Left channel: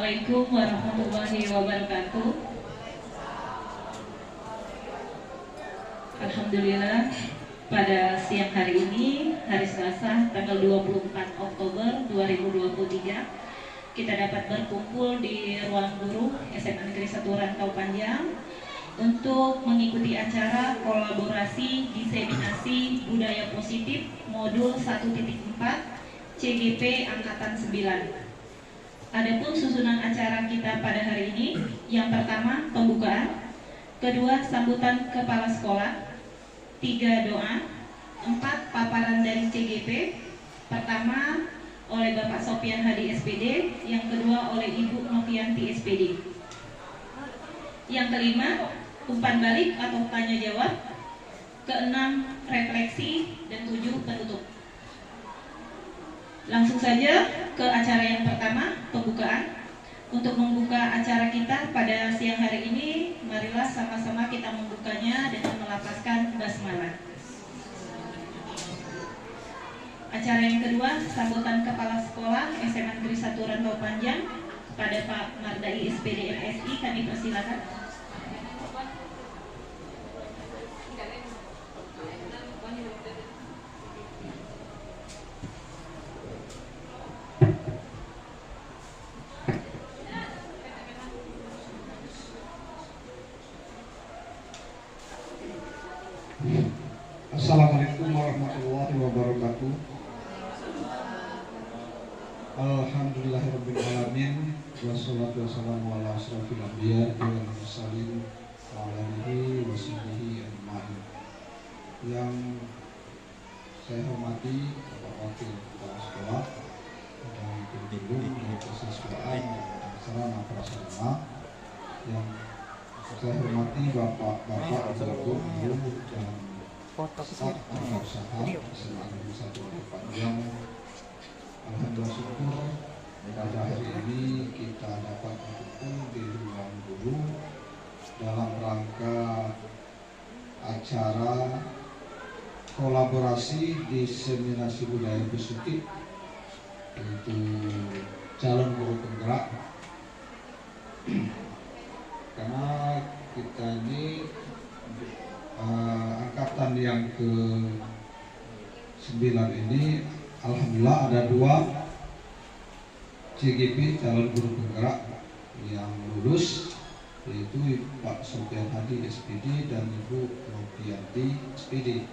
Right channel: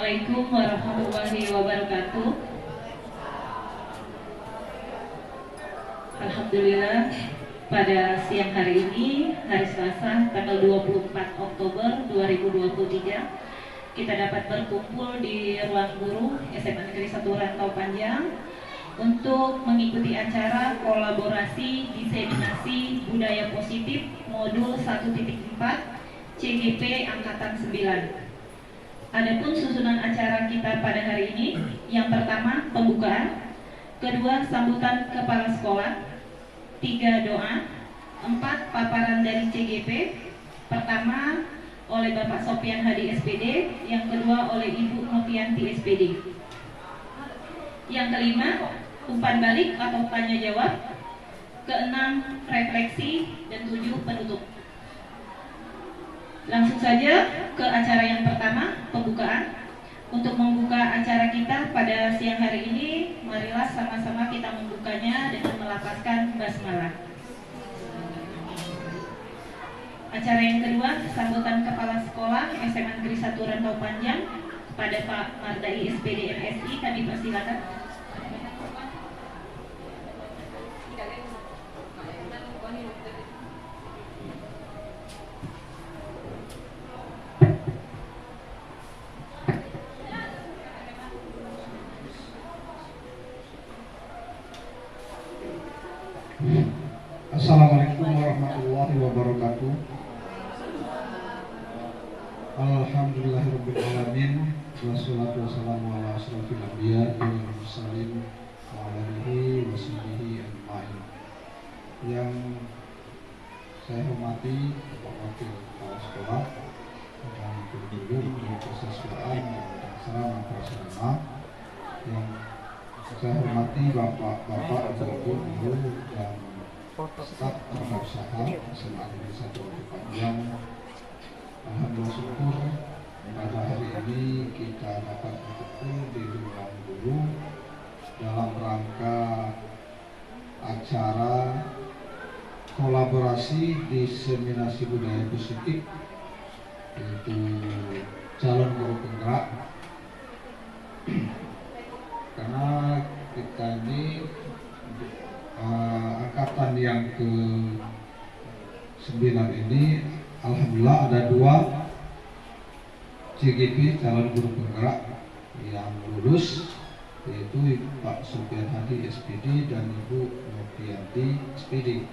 Assalamualaikum warahmatullahi wabarakatuh. Alhamdulillah, pada siang hari ini, hari Selasa, tanggal 24 Oktober 2023, kita dapat berkumpul di ruang guru SMA Negeri 1 Rantau Panjang untuk mengikuti acara kolaborasi diseminasi budaya positif modul 1.4 CGP Angkatan 9. Adapun susunan acara kita pada hari ini, yang pertama pembukaan, kedua sambutan kepala sekolah, 3 doa, 4 paparan dari CGP, pertama oleh Bapak Sopian Hadi SPD, yang kedua oleh Ibu Novianti SPD. Yang kelima, umpan balik atau tanya jawab, keenam refleksi, dan 7 penutup. Langsung saja ke acara yang pertama, pembukaan. Untuk membuka acara kita pada siang hari ini, marilah sama-sama kita membukanya dengan melafazkan basmalah. Acara yang kedua, sambutan kepala sekolah SMA Negeri 1 Rantau Panjang kepada Pak Mardai SPD MSI, kami persilakan. Assalamualaikum warahmatullahi wabarakatuh. Alhamdulillahirabbil alamin, wassalatu wassalamu ala asyrofil anbiya wal mursalin wa ala alihi wasahbihi ajmain. Yang saya hormati Bapak Wakil Kepala Sekolah dan guru-guru Universitas Quran dan sarana prasarana, yang saya hormati bapak-bapak, ibu-ibu, guru dan staf usaha SMA Negeri 1 Rantau Panjang. Alhamdulillah syukur pada hari ini kita dapat berkumpul di ruang guru dalam rangka acara kolaborasi diseminasi budaya positif, yaitu calon guru penggerak. Karena kita ini angkatan yang ke-9 ini, alhamdulillah ada 2 CGP calon guru penggerak yang lulus, yaitu Pak Sopian Hadi SPD dan Ibu Novianti SPD.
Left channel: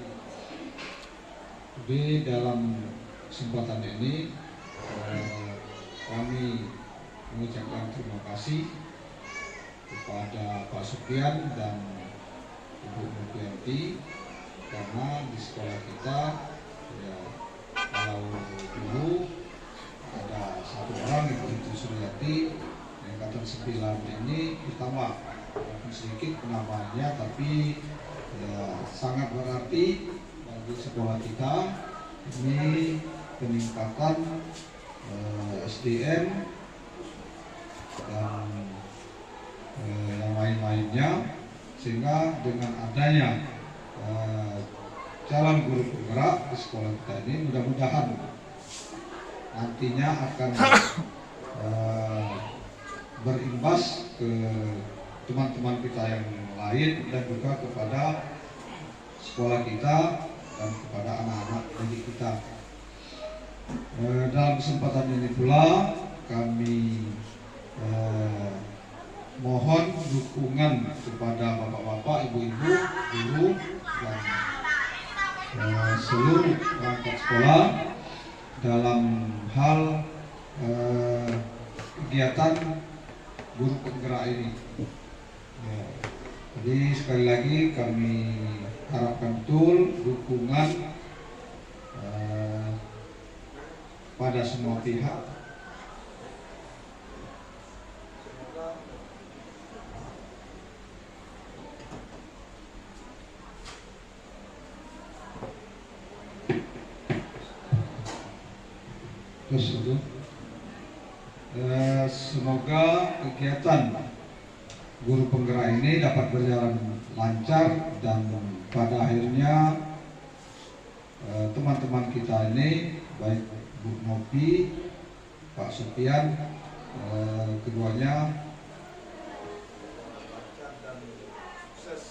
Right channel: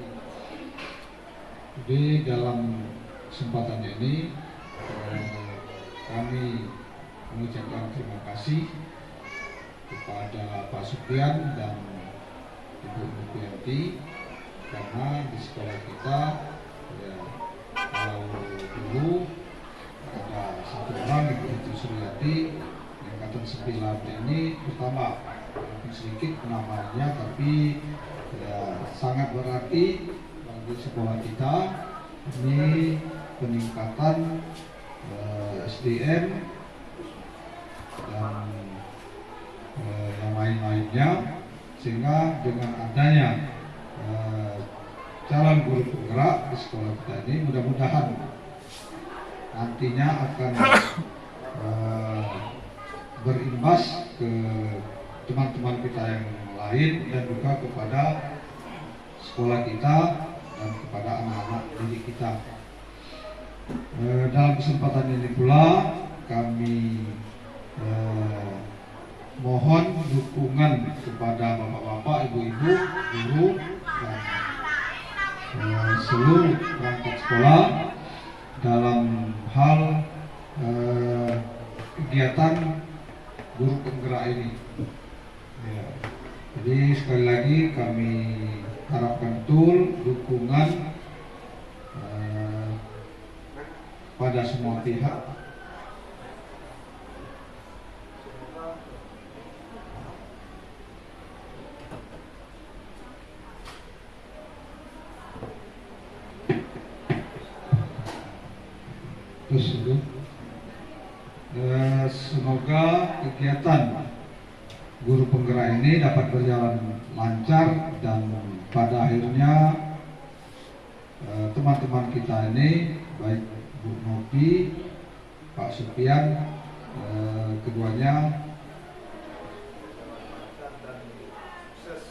Jadi dalam kesempatan ini kami mengucapkan terima kasih kepada Pak Sopian dan Ibu Novianti, karena di sekolah kita ya, kalau dulu ada 1 orang, Ibu Suryati, angkatan 9 ini pertama, walaupun sedikit namanya tapi ya sangat berarti bagi sekolah kita. Ini peningkatan SDM dan yang lain-lainnya, sehingga dengan adanya calon guru penggerak di sekolah kita ini, mudah-mudahan nantinya akan berimbas ke teman-teman kita yang lain dan juga kepada sekolah kita dan kepada anak-anak didik kita. Dalam kesempatan ini pula kami mohon dukungan kepada bapak-bapak, ibu-ibu, guru dan seluruh perangkat sekolah dalam hal kegiatan guru penggerak ini. Ya, jadi sekali lagi kami harapkan betul dukungan pada semua pihak. Semoga kegiatan guru penggerak ini dapat berjalan lancar dan pada akhirnya teman-teman kita ini, baik Bu Novi, Pak Sopian, keduanya dan sukses.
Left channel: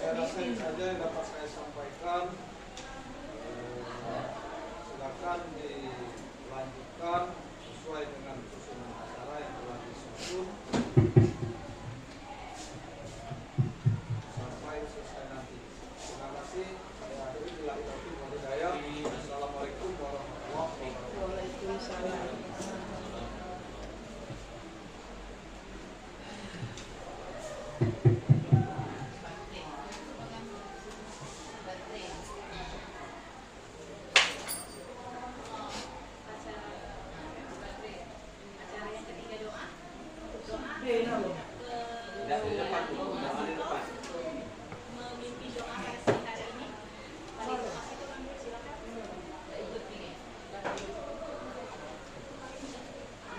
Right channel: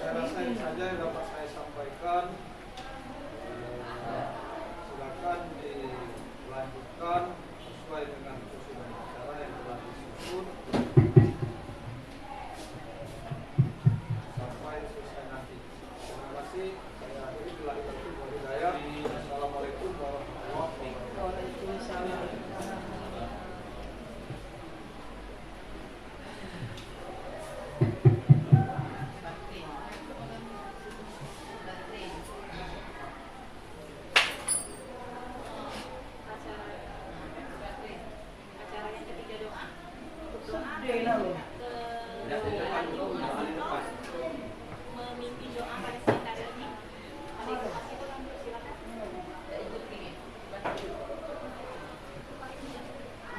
Saya rasa ini saja yang dapat saya sampaikan. Silakan dilanjutkan sesuai dengan susunan acara yang telah disusun sampai selesai nanti. Terima kasih. Saya akhiri bila itu walhidayah. Assalamualaikum warahmatullahi wabarakatuh. Waalaikumsalam. Acara yang ketiga doa memimpin doa pada saat hari ini. Pada doa itu kan silakan.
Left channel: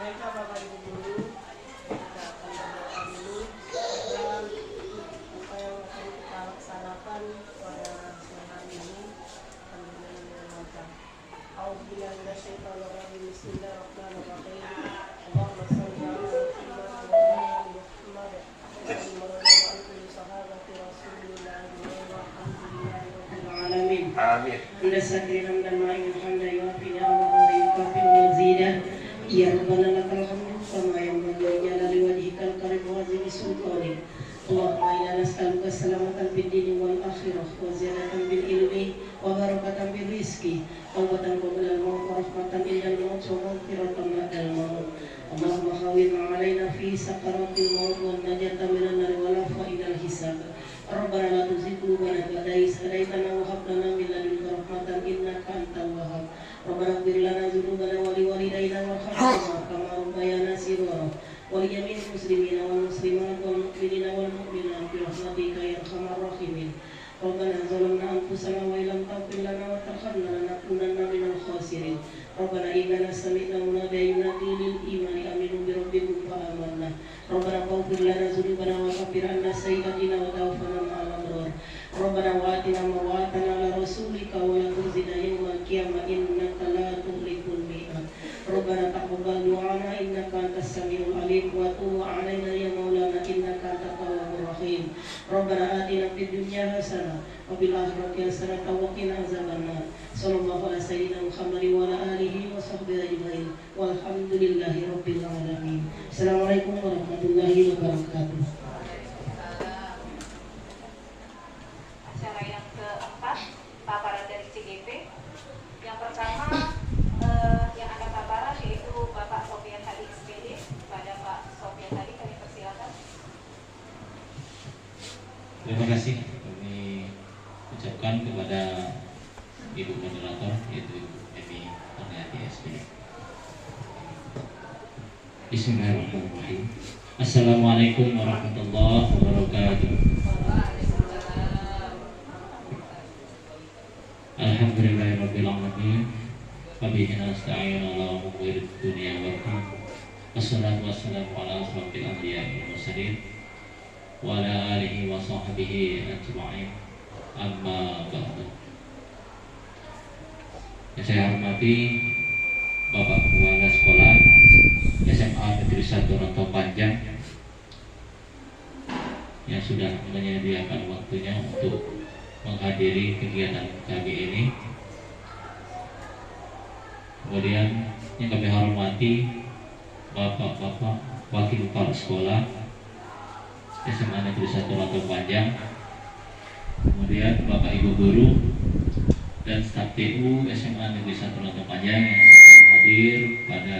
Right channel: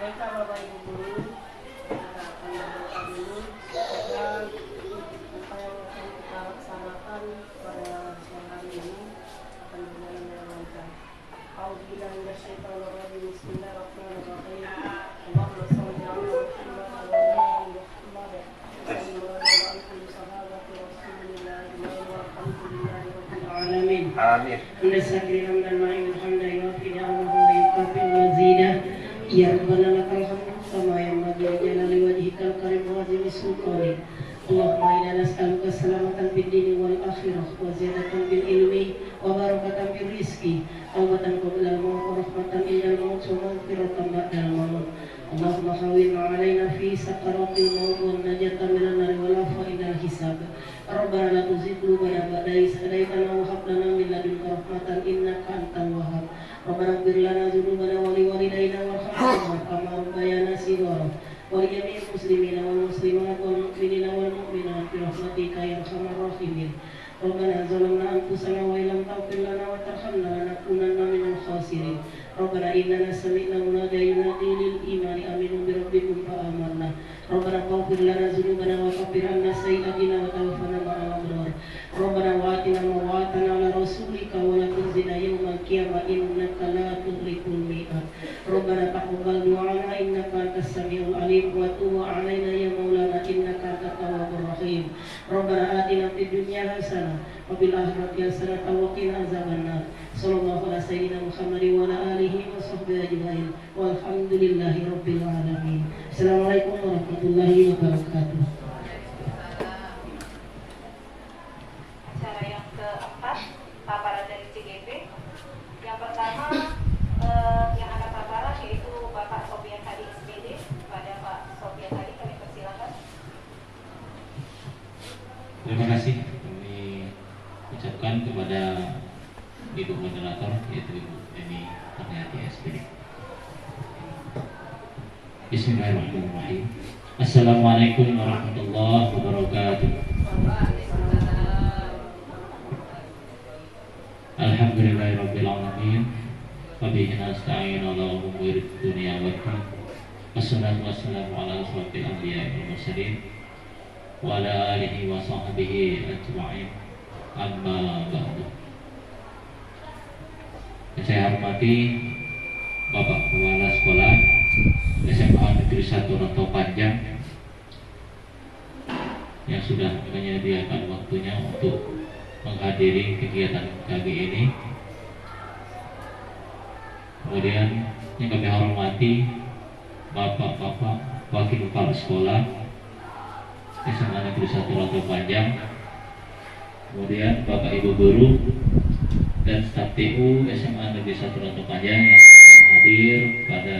Baiklah Bapak Ibu Guru, kita akan berdoa dulu dan apa yang akan kita laksanakan pada siang hari ini akan berjalan dengan lancar. A'udzubillahi minasyaitonir rajim. Bismillahirrahmanirrahim. Allahumma shalli ala Muhammad wa ala ali Muhammad. Alamin. Nasakin hamdan ma'in hamdan yuafi ni'amahu wa yukafi mazidah. Ya Rabbana lakal hamdu kama yanbaghi li jalali wajhikal karim wa azimi sultanik. Allahumma inna nas'aluka salamatan fid dini wal akhirah wa ziyadatan bil ilmi wa barakatan bil rizqi tawbatan qabla al maut wa rahmatan indal maut wa maghfiratan ba'dal maut. Allahumma hawwin 'alaina fi sakaratil maut wa najatan minan nar wa la fa'idal hisab. Rabbana la tuzigh qulubana ba'da idh hadaytana wa hab lana min ladunka rahmatan innaka antal wahhab. Rabbana ighfir lana dzunubana wa liwalidayna warhamhum kama rabbayana shighara. ولجميع المسلمين والمسلمات والمؤمنين والمؤمنات برحمتك يا ارحم الراحمين. ربنا ظلمنا انفسنا وان لم تغفر لنا وترحمنا لنكونن من الخاسرين. ربنا اننا سمعنا مناديا ينادي للايمان امنوا بربكم فامنا. ربنا اغفر لنا ذنوبنا وكفر عنا سيئاتنا وتوفنا مع الابرار. ربنا واتنا ما وعدتنا على رسولك ولا تخزنا يوم القيامه انك لا تخلف الميعاد. ربنا تقبل دعانا انك انت السميع العليم وتب علينا يا مولانا انك انت التواب الرحيم. ربنا آتنا في الدنيا حسنه وفي الاخره حسنه وقنا عذاب النار. صلى الله على سيدنا محمد وعلى اله وصحبه اجمعين والحمد لله رب العالمين. Assalamualaikum warahmatullahi wabarakatuh. Acara yang keempat, paparan dari CGP. Yang pertama yang akan paparan yaitu Bapak Sofian Hadi SPD. Pada Pak Sofian Hadi kami persilakan. Terima kasih kami ucapkan kepada Ibu Moderator yaitu Ibu Emi Kurniati SPD. Bismillahirrahmanirrahim. Assalamualaikum warahmatullahi wabarakatuh. Alhamdulillahirabbil alamin. Wa bihi nasta'in ala umuri dunya wad din. Wassalatu wassalamu ala asyrofil anbiya'i wal mursalin wa ala alihi wa sahbihi ajma'in. Amma ba'du. Yang saya hormati Bapak Kepala Sekolah SMA Negeri 1 Rantau Panjang yang sudah menyediakan waktunya untuk menghadiri kegiatan kami ini. Kemudian yang kami hormati Bapak-bapak Wakil Kepala Sekolah SMA Negeri 1 Rantau Panjang, kemudian Bapak Ibu Guru dan staf TU SMA Negeri 1 Rantau Panjang yang hadir pada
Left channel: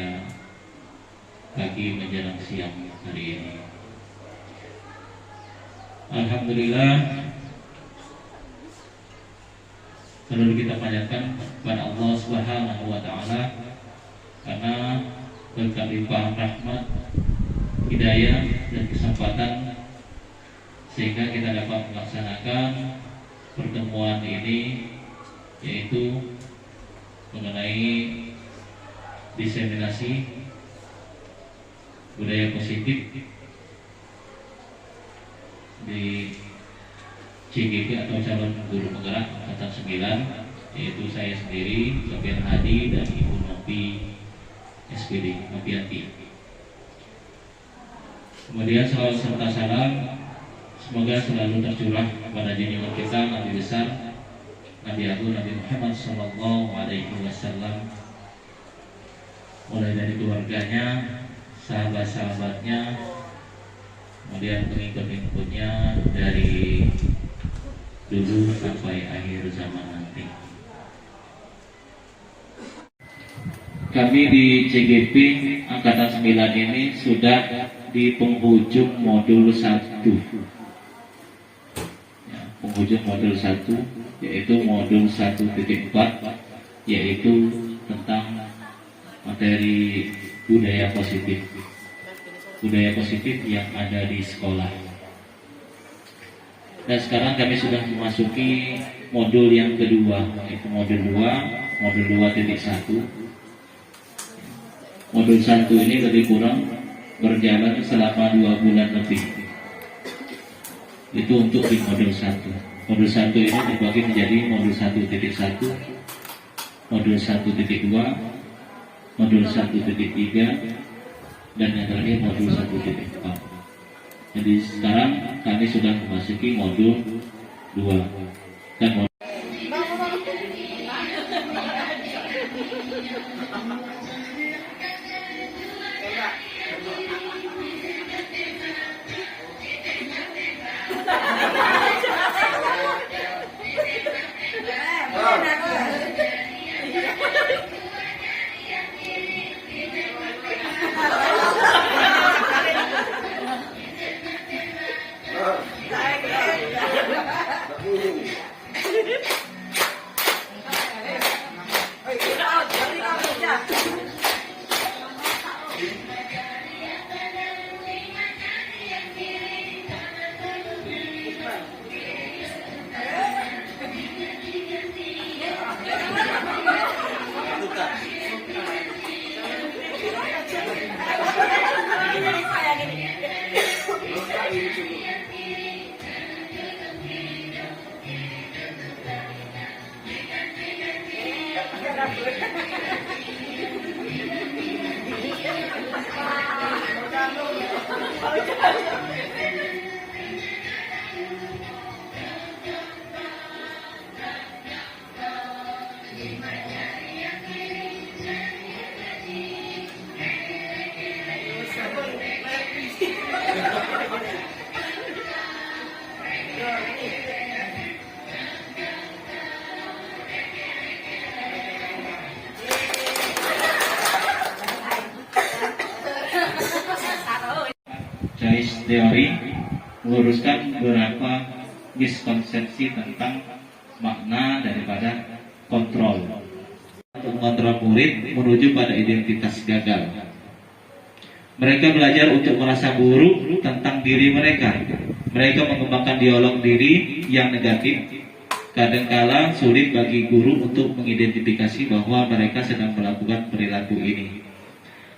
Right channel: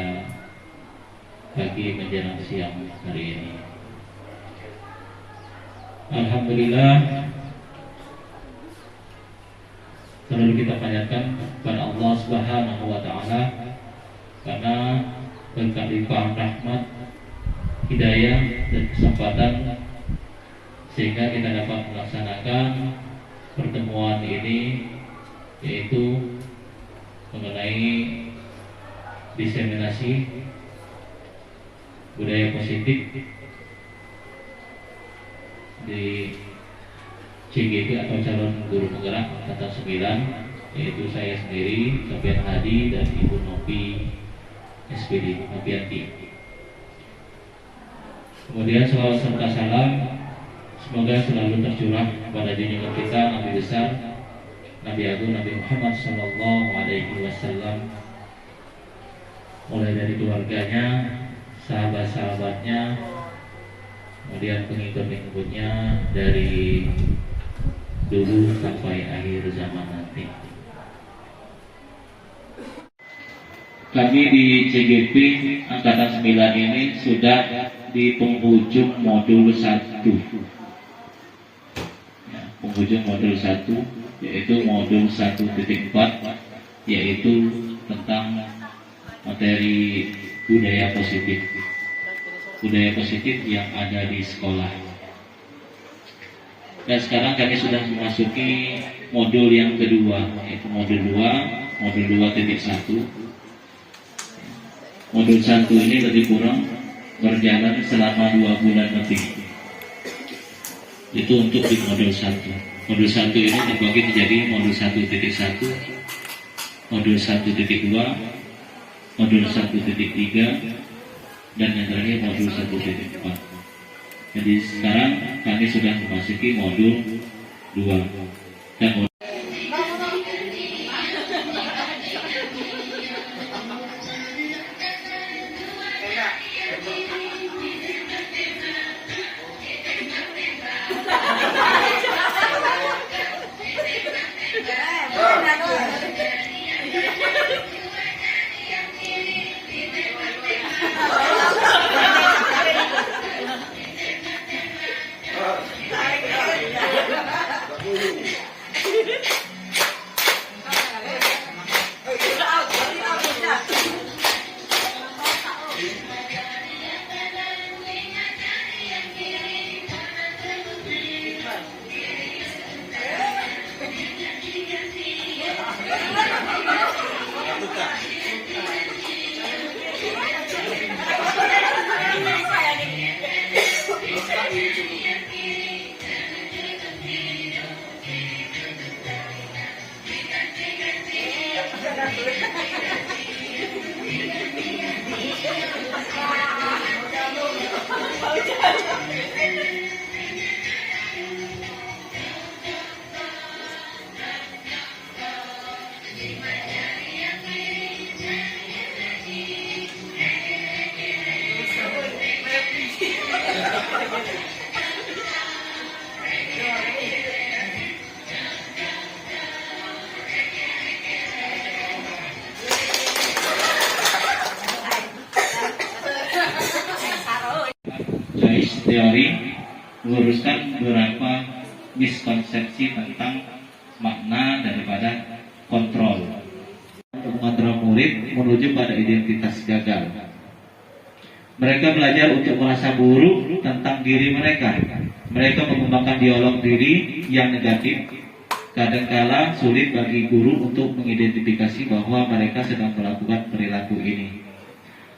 pagi menjelang siang hari ini. Alhamdulillah, perlu kita panjatkan kepada Allah Subhanahu wa taala karena berkat limpahan rahmat, hidayah dan kesempatan sehingga kita dapat melaksanakan pertemuan ini, yaitu mengenai diseminasi budaya positif di CGP atau calon guru penggerak angkatan 9, yaitu saya sendiri Sofian Hadi dan Ibu Nur Nopi SPD Nopianti. Kemudian selawat serta salam semoga selalu tercurah kepada junjungan kita Nabi besar Nabi Agung Nabi Muhammad Sallallahu Alaihi Wasallam, mulai dari keluarganya, sahabat-sahabatnya, kemudian pengikut-pengikutnya dari dulu sampai akhir zaman nanti. Kami di CGP Angkatan 9 ini sudah di penghujung modul 1 ya, penghujung modul 1 yaitu modul 1.4, yaitu tentang materi budaya positif yang ada di sekolah. Dan sekarang kami sudah memasuki modul yang kedua, yaitu modul 2.1. Modul 1 ini lebih kurang berjalan selama 2 bulan lebih. Itu untuk di modul 1. Modul 1 ini dibagi menjadi modul 1.1, modul 1.2, modul 1.3, dan yang terakhir modul 1.4. Jadi sekarang kami sudah memasuki modul 2. Dan teori meluruskan beberapa miskonsepsi tentang makna daripada kontrol untuk mengontrol murid menuju pada identitas gagal. Mereka belajar untuk merasa buruk tentang diri mereka. Mereka mengembangkan dialog diri yang negatif. Kadangkala sulit bagi guru untuk mengidentifikasi bahwa mereka sedang melakukan perilaku ini,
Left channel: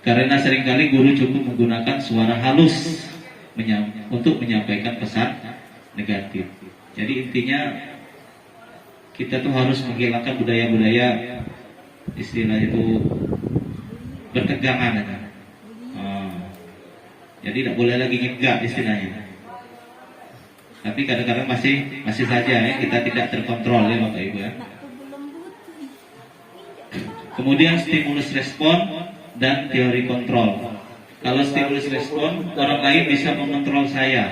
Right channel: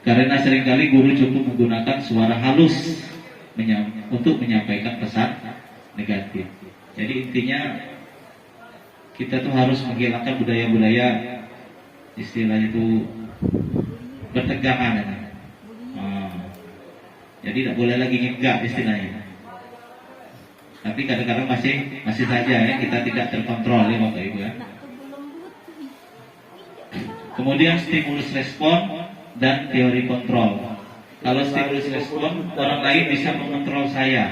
karena seringkali guru cukup menggunakan suara halus untuk menyampaikan pesan negatif. Jadi intinya kita tuh harus menghilangkan budaya-budaya istilah itu bertegangan. Jadi tidak boleh lagi ngegak istilahnya. Tapi kadang-kadang masih saja ya, kita tidak terkontrol ya Bapak Ibu ya. Kemudian stimulus respon dan teori kontrol. Kalau stimulus respon, orang lain bisa mengontrol saya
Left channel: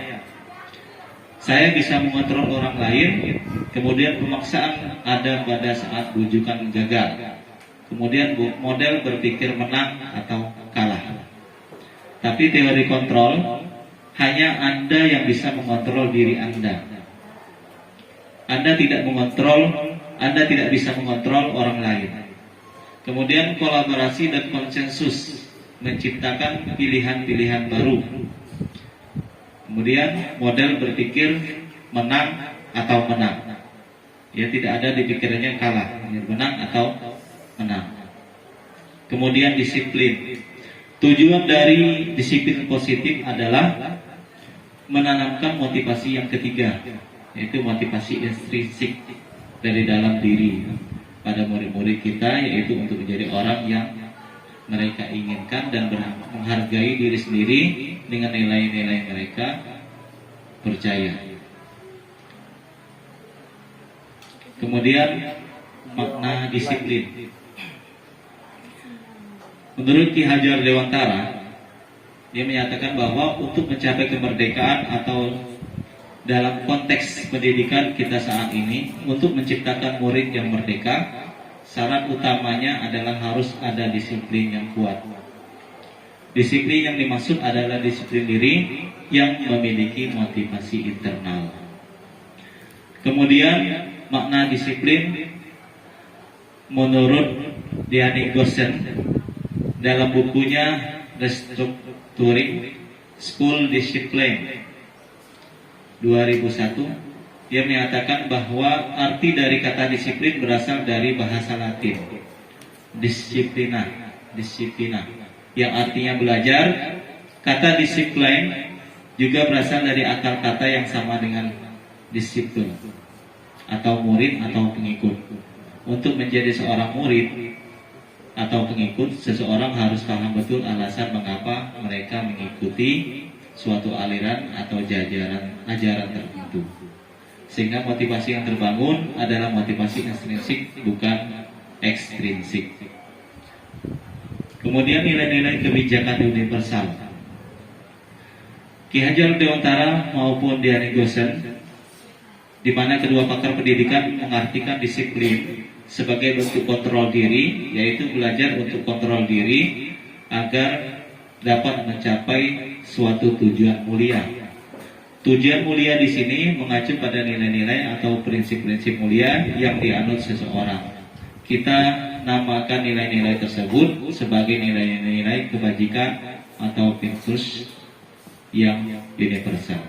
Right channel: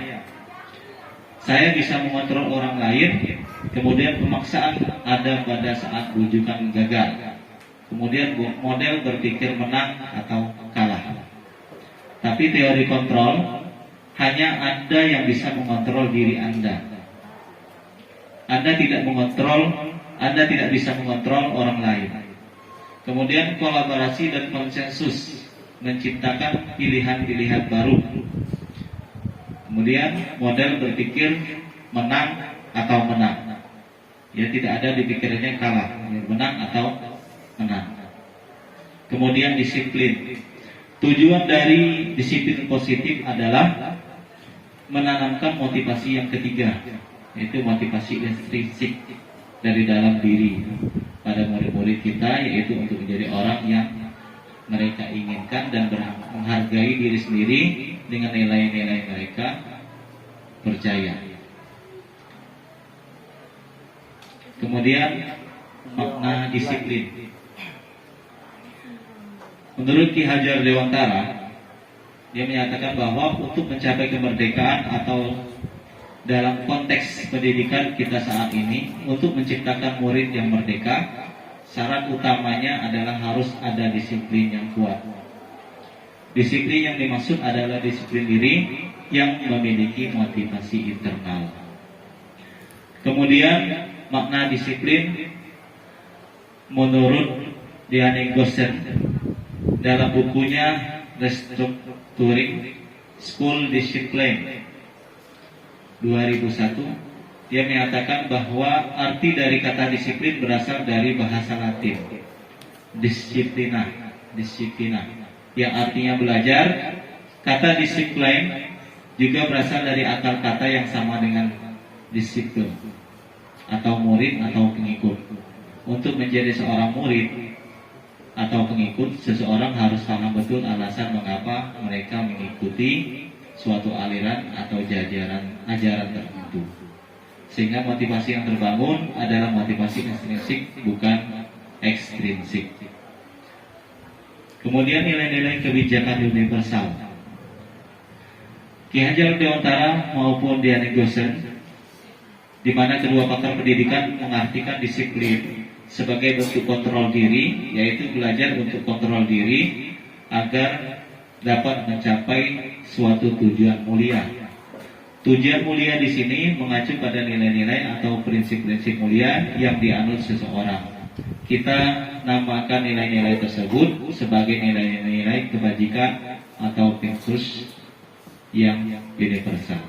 bisa mengontrol orang lain. Kemudian pemaksaan ada pada saat bujukan gagal. Kemudian model berpikir menang atau kalah. Tapi teori kontrol, hanya Anda yang bisa mengontrol diri Anda. Anda tidak bisa mengontrol orang lain. Kemudian kolaborasi dan konsensus menciptakan pilihan-pilihan baru. Kemudian model berpikir menang atau menang. Ya, tidak ada di pikirannya kalah, menang atau menang. Kemudian disiplin. Tujuan dari disiplin positif adalah menanamkan motivasi yang ketiga, yaitu motivasi intrinsik dari dalam diri pada murid-murid kita, yaitu untuk menjadi orang yang mereka inginkan dan menghargai diri sendiri dengan nilai-nilai mereka percaya. Kemudian makna disiplin. Menurut Ki Hajar Dewantara, dia menyatakan bahwa untuk mencapai kemerdekaan atau dalam konteks pendidikan kita saat ini, untuk menciptakan murid yang merdeka, syarat utamanya adalah harus ada disiplin yang kuat. Disiplin yang dimaksud adalah disiplin diri yang memiliki motivasi internal. Kemudian makna disiplin menurut Diane Gossen dalam bukunya Restructuring School Discipline 2001, dia menyatakan bahwa arti dari kata disiplin berasal dari bahasa Latin disciplina, yang artinya belajar. Kata disiplin juga berasal dari akar kata yang sama dengan disiplin atau murid atau pengikut. Untuk menjadi seorang murid atau pengikut, seseorang harus paham betul alasan mengapa mereka mengikuti suatu aliran atau ajaran tertentu, sehingga motivasi yang terbangun adalah motivasi intrinsik, bukan ekstrinsik. Kemudian nilai-nilai kebijakan universal. Ki Hajar Dewantara maupun Diane Gossen, di mana kedua pakar pendidikan mengartikan disiplin sebagai bentuk kontrol diri, yaitu belajar untuk kontrol diri agar dapat mencapai suatu tujuan mulia. Tujuan mulia di sini mengacu pada nilai-nilai atau prinsip-prinsip mulia yang dianut seseorang. Kita namakan nilai-nilai tersebut sebagai nilai-nilai kebajikan atau virtus yang universal.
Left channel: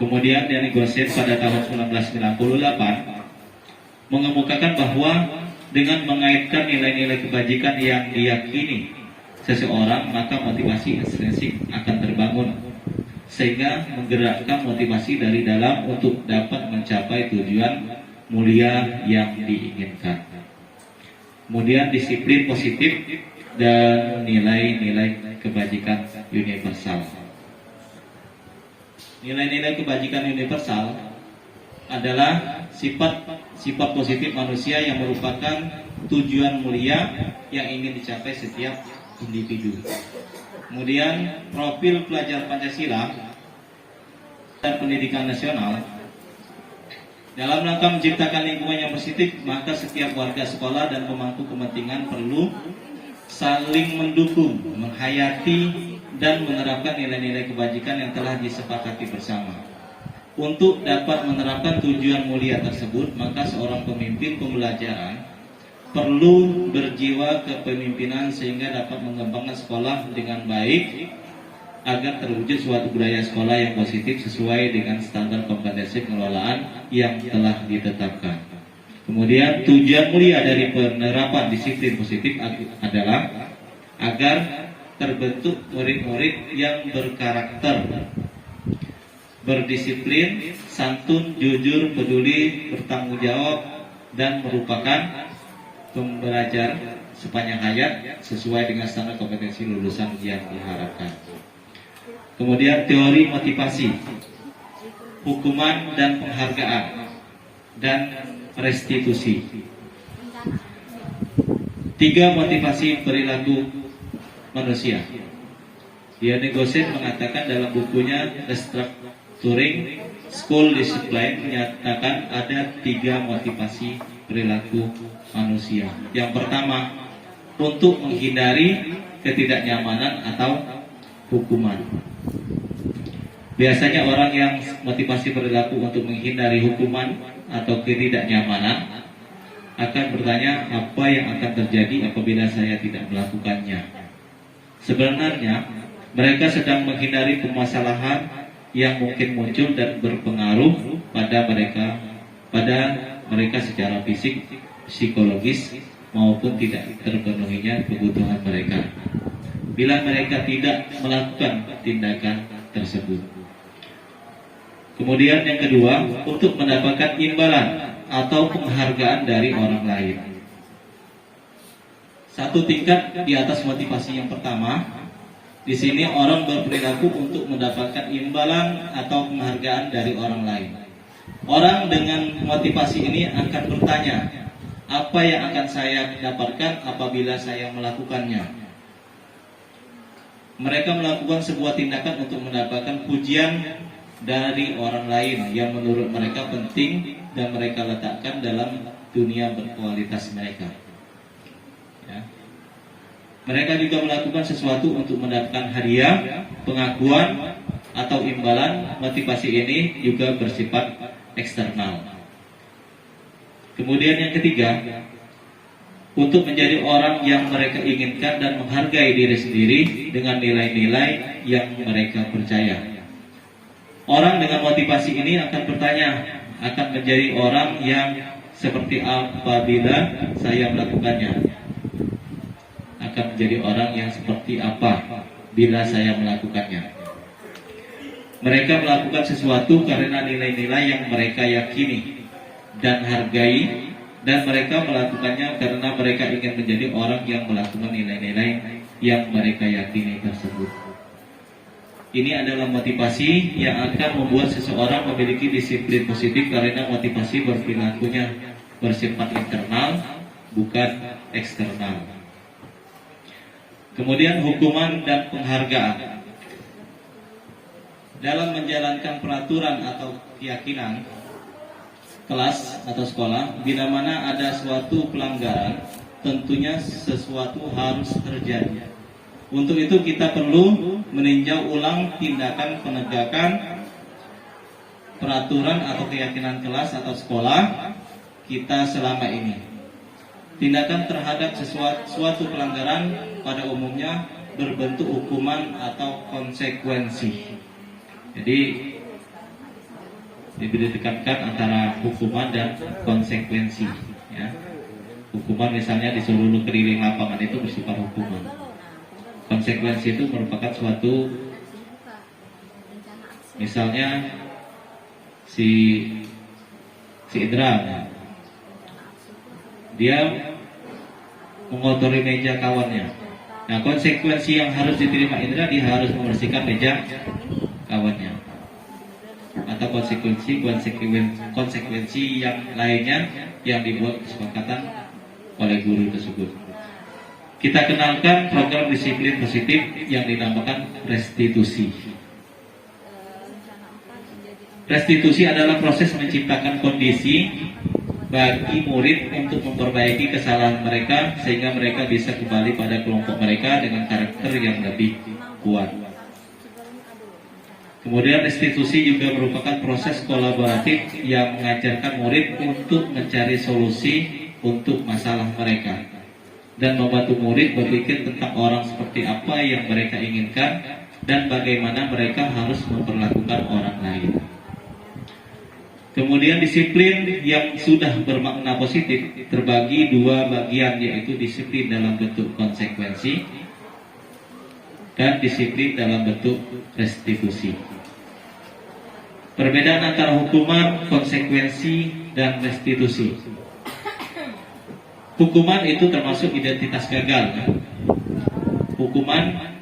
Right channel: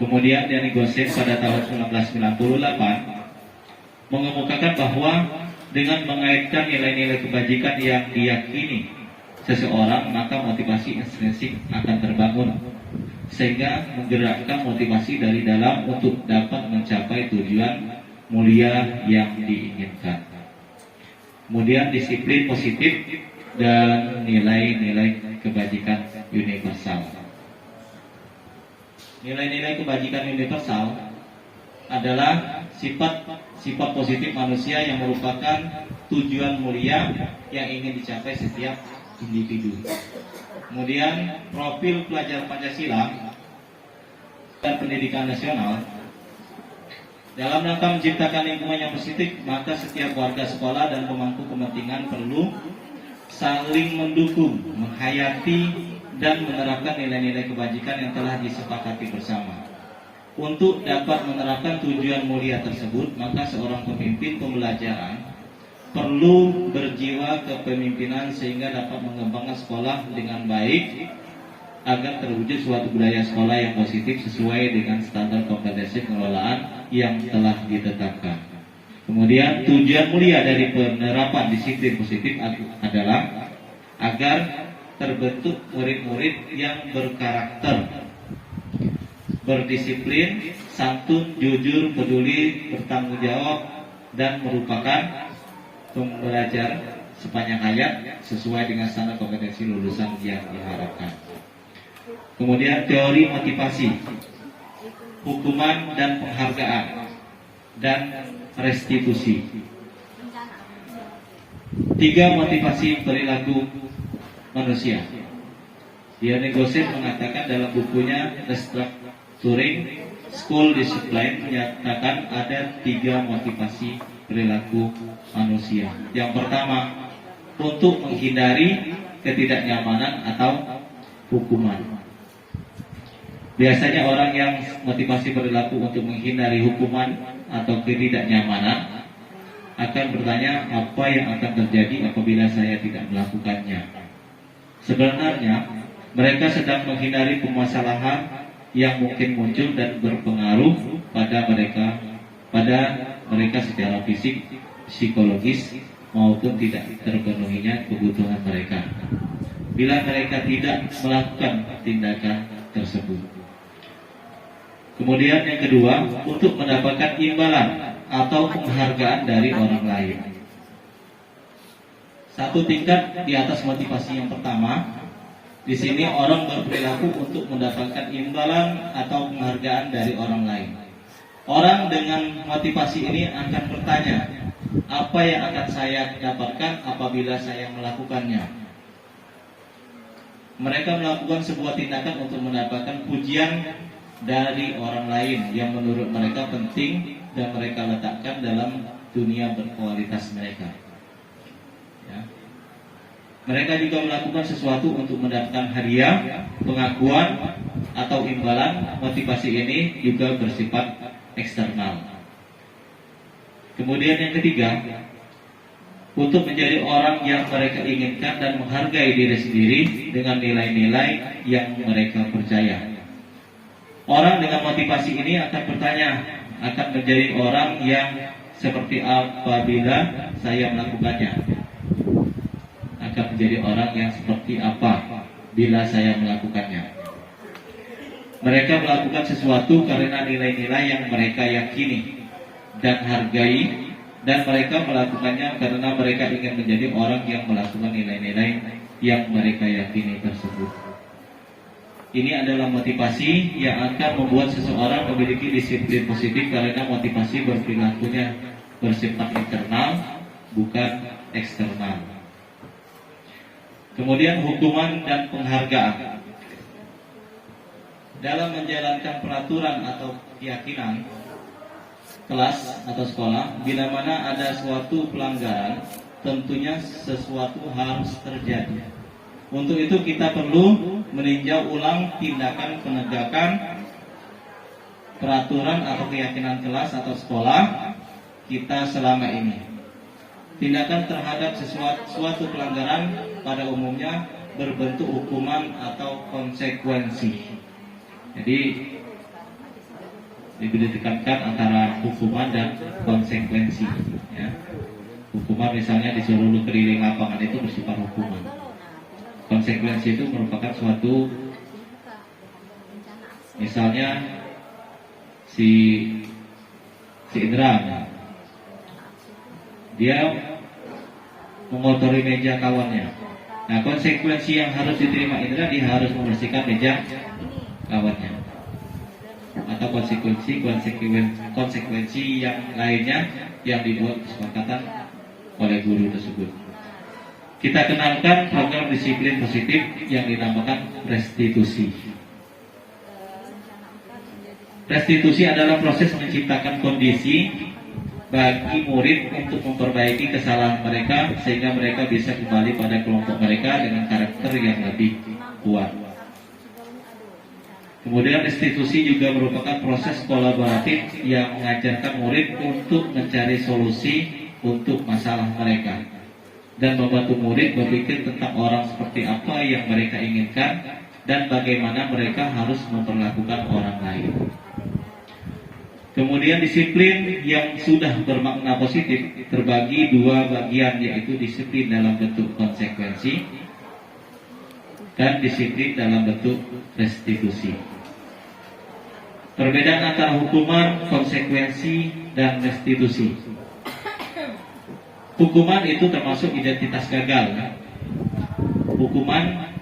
Kemudian Diane Gossen pada tahun 1998 mengemukakan bahwa dengan mengaitkan nilai-nilai kebajikan yang diyakini seseorang, maka motivasi intrinsik akan terbangun, sehingga menggerakkan motivasi dari dalam untuk dapat mencapai tujuan mulia yang diinginkan. Kemudian disiplin positif dan nilai-nilai kebajikan universal. Nilai-nilai kebajikan universal adalah sifat positif manusia yang merupakan tujuan mulia yang ingin dicapai setiap individu. Kemudian profil pelajar Pancasila dan pendidikan nasional. Dalam rangka menciptakan lingkungan yang positif, maka setiap warga sekolah dan pemangku kepentingan perlu saling mendukung, menghayati dan menerapkan nilai-nilai kebajikan yang telah disepakati bersama. Untuk dapat menerapkan tujuan mulia tersebut, maka seorang pemimpin pembelajaran perlu berjiwa kepemimpinan sehingga dapat mengembangkan sekolah dengan baik agar terwujud suatu budaya sekolah yang positif sesuai dengan standar kompetensi pengelolaan yang telah ditetapkan. Kemudian tujuan mulia dari penerapan disiplin positif adalah agar terbentuk murid-murid yang berkarakter, berdisiplin, santun, jujur, peduli, bertanggung jawab, dan merupakan pembelajar sepanjang hayat sesuai dengan standar kompetensi lulusan yang diharapkan. Kemudian teori motivasi, hukuman dan penghargaan, dan restitusi. 3 motivasi perilaku manusia. Diane Gossen mengatakan dalam bukunya Restructuring School Discipline menyatakan ada 3 motivasi perilaku manusia. Yang pertama, untuk menghindari ketidaknyamanan atau hukuman. Biasanya orang yang motivasi perilaku untuk menghindari hukuman atau ketidaknyamanan akan bertanya, apa yang akan terjadi apabila saya tidak melakukannya. Sebenarnya mereka sedang menghindari permasalahan yang mungkin muncul dan berpengaruh pada mereka secara fisik, psikologis maupun tidak terpenuhinya kebutuhan mereka bila mereka tidak melakukan tindakan tersebut. Kemudian yang kedua, untuk mendapatkan imbalan atau penghargaan dari orang lain. Satu tingkat di atas motivasi yang pertama, di sini orang berperilaku untuk mendapatkan imbalan atau penghargaan dari orang lain. Orang dengan motivasi ini akan bertanya, apa yang akan saya dapatkan apabila saya melakukannya? Mereka melakukan sebuah tindakan untuk mendapatkan pujian dari orang lain yang menurut mereka penting dan mereka letakkan dalam dunia berkualitas mereka. Ya. Mereka juga melakukan sesuatu untuk mendapatkan hadiah, pengakuan, atau imbalan. Motivasi ini juga bersifat eksternal. Kemudian yang ketiga, untuk menjadi orang yang mereka inginkan dan menghargai diri sendiri dengan nilai-nilai yang mereka percaya. Orang dengan motivasi ini akan bertanya, akan menjadi orang yang seperti apabila saya melakukannya. Akan menjadi orang yang seperti apa bila saya melakukannya. Mereka melakukan sesuatu karena nilai-nilai yang mereka yakini dan hargai, dan mereka melakukannya karena mereka ingin menjadi orang yang melakukan nilai-nilai yang mereka yakini tersebut. Ini adalah motivasi yang akan membuat seseorang memiliki disiplin positif karena motivasi berperilakunya bersifat internal, bukan eksternal. Kemudian hukuman dan penghargaan. Dalam menjalankan peraturan atau keyakinan kelas atau sekolah, bila mana ada suatu pelanggaran, tentunya sesuatu harus terjadi. Untuk itu kita perlu meninjau ulang tindakan penegakan peraturan atau keyakinan kelas atau sekolah kita selama ini. Tindakan terhadap suatu pelanggaran pada umumnya berbentuk hukuman atau konsekuensi. Jadi ditekankan antara hukuman dan konsekuensi. Ya. Hukuman misalnya disuruh lu keliling lapangan itu bersifat hukuman. Konsekuensi itu merupakan suatu, misalnya si Indra, dia mengotori meja kawannya. Nah, konsekuensi yang harus diterima Indra, dia harus membersihkan meja kawannya. Atau konsekuensi yang lainnya yang dibuat kesepakatan oleh guru tersebut. Kita kenalkan program disiplin positif yang dinamakan restitusi. Restitusi adalah proses menciptakan kondisi bagi murid untuk memperbaiki kesalahan mereka sehingga mereka bisa kembali pada kelompok mereka dengan karakter yang lebih kuat. Kemudian restitusi juga merupakan proses kolaboratif yang mengajarkan murid untuk mencari solusi untuk masalah mereka dan membantu murid berpikir tentang orang seperti apa yang mereka inginkan dan bagaimana mereka harus memperlakukan orang lain. Kemudian disiplin yang sudah bermakna positif terbagi dua bagian, yaitu disiplin dalam bentuk konsekuensi dan disiplin dalam bentuk restitusi. Perbedaan antara hukuman, konsekuensi, dan restitusi. Hukuman itu termasuk identitas gagal. Ya. Hukuman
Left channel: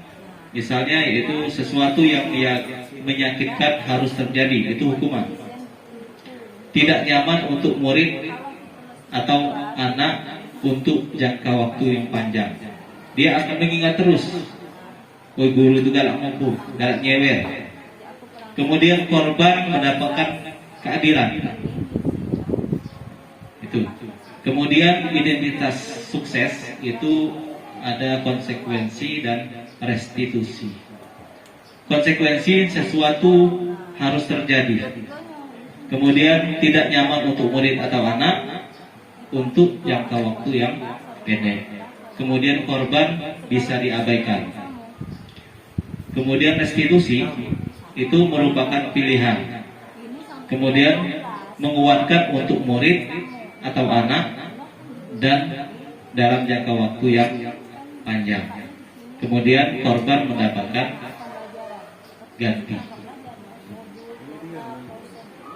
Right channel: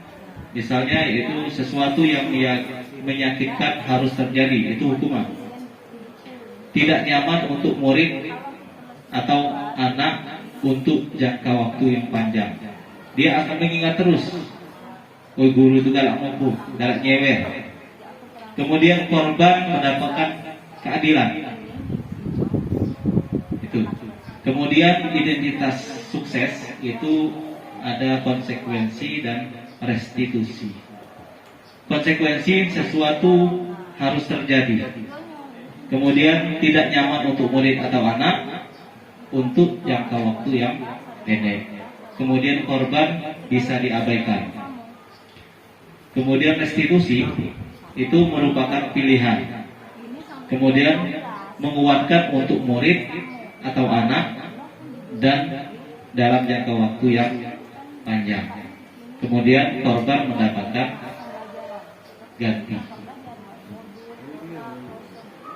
misalnya itu sesuatu yang menyakitkan harus terjadi, itu hukuman. Tidak nyaman untuk murid atau anak untuk jangka waktu yang panjang. Dia akan mengingat terus, oh guru itu galak mampu, galak nyewer. Kemudian korban mendapatkan keadilan. Itu. Kemudian identitas sukses itu ada konsekuensi dan restitusi. Konsekuensi sesuatu harus terjadi. Kemudian tidak nyaman untuk murid atau anak untuk jangka waktu yang pendek. Kemudian korban bisa diabaikan. Kemudian restitusi itu merupakan pilihan. Kemudian menguatkan untuk murid atau anak dan dalam jangka waktu yang panjang. Kemudian korban mendapatkan ganti.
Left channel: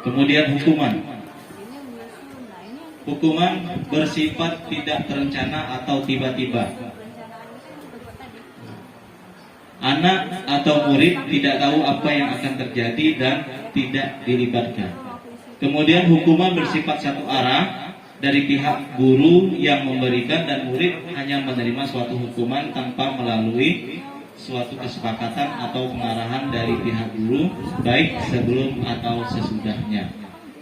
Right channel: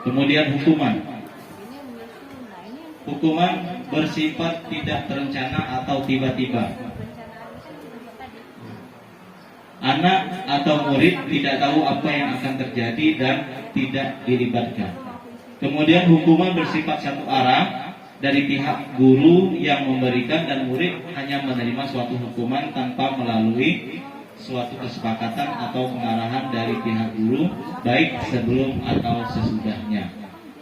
Kemudian hukuman. hukuman bersifat tidak terencana atau tiba-tiba. Anak atau murid tidak tahu apa yang akan terjadi dan tidak dilibatkan. Kemudian hukuman bersifat satu arah dari pihak guru yang memberikan, dan murid hanya menerima suatu hukuman tanpa melalui suatu kesepakatan atau pengarahan dari pihak guru, baik sebelum atau sesudahnya.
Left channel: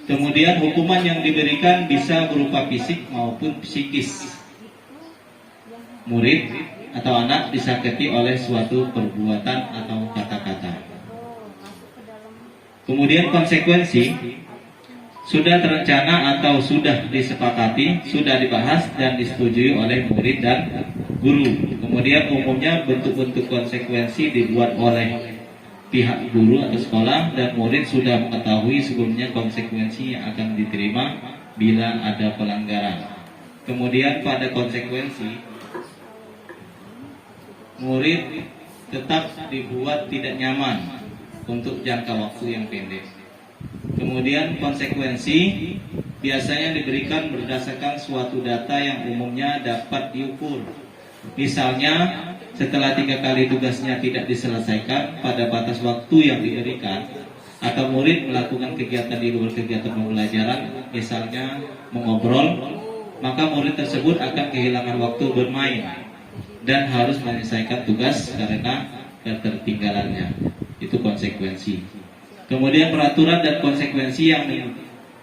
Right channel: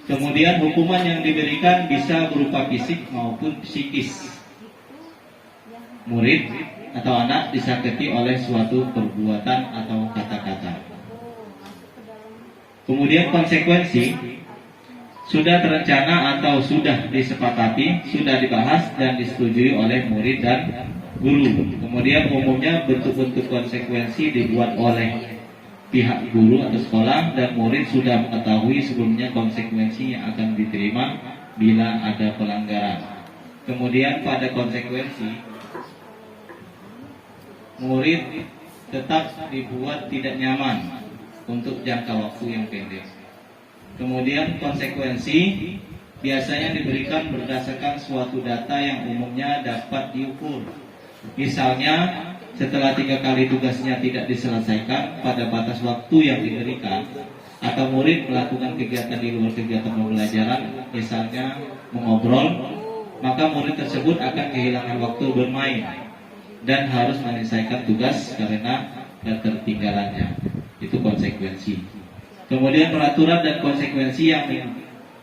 Kemudian hukuman yang diberikan bisa berupa fisik maupun psikis. Murid atau anak disakiti oleh suatu perbuatan atau kata-kata. Kemudian konsekuensi sudah terencana atau sudah disepakati, sudah dibahas dan disetujui oleh murid dan guru. Kemudian umumnya bentuk-bentuk konsekuensi dibuat oleh pihak guru atau sekolah, dan murid sudah mengetahui sebelumnya konsekuensi yang akan diterima bila ada pelanggaran. Kemudian pada konsekuensi, murid tetap dibuat tidak nyaman untuk jangka waktu yang pendek. Kemudian konsekuensi biasanya diberikan berdasarkan suatu data yang umumnya dapat diukur. Misalnya, setelah 3 kali tugasnya tidak diselesaikan pada batas waktu yang diberikan, atau murid melakukan kegiatan di luar kegiatan pembelajaran, misalnya mengobrol, maka murid tersebut akan kehilangan waktu bermain dan harus menyelesaikan tugas karena ketertinggalannya. Itu konsekuensi. Kemudian peraturan dan konsekuensi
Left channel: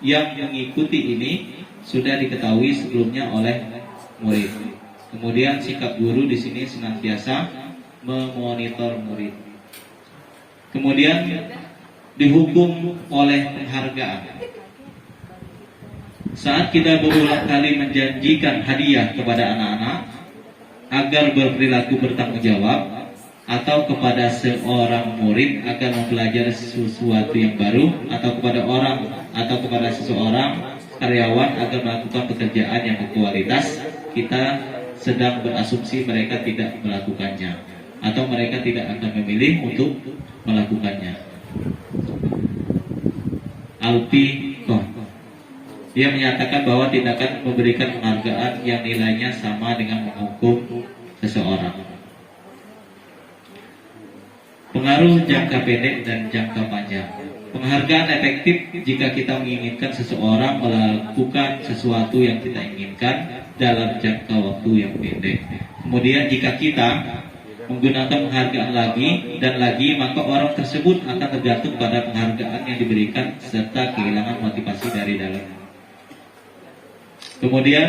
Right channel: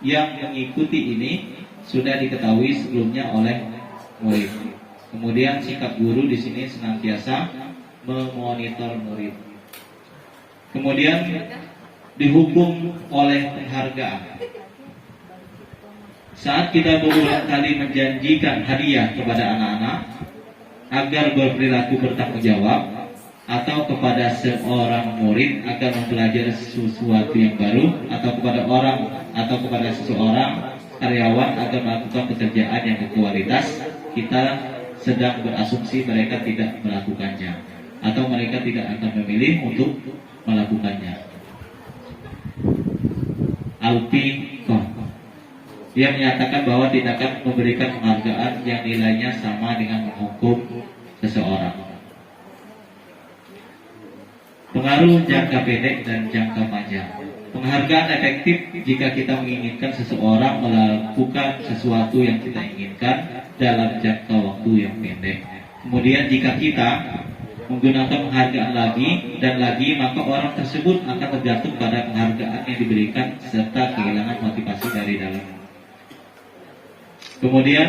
yang mengikuti ini sudah diketahui sebelumnya oleh murid. Kemudian sikap guru di sini senantiasa memonitor murid. Kemudian dihukum oleh penghargaan. Saat kita berulang kali menjanjikan hadiah kepada anak-anak agar berperilaku bertanggung jawab, atau kepada seorang murid agar mempelajari sesuatu yang baru, atau kepada orang atau kepada seseorang karyawan agar melakukan pekerjaan yang berkualitas, kita sedang berasumsi mereka tidak melakukannya, atau mereka tidak akan memilih untuk melakukannya. Alpi dia menyatakan bahwa tindakan memberikan penghargaan yang nilainya sama dengan menghukum seseorang. Pengaruh jangka pendek dan jangka panjang. Penghargaan efektif jika kita menginginkan seseorang melakukan sesuatu yang kita inginkan dalam jangka waktu yang pendek. Kemudian jika kita menggunakan penghargaan lagi dan lagi, maka orang tersebut akan tergantung pada penghargaan yang diberikan serta kehilangan motivasi dari dalam. Kemudian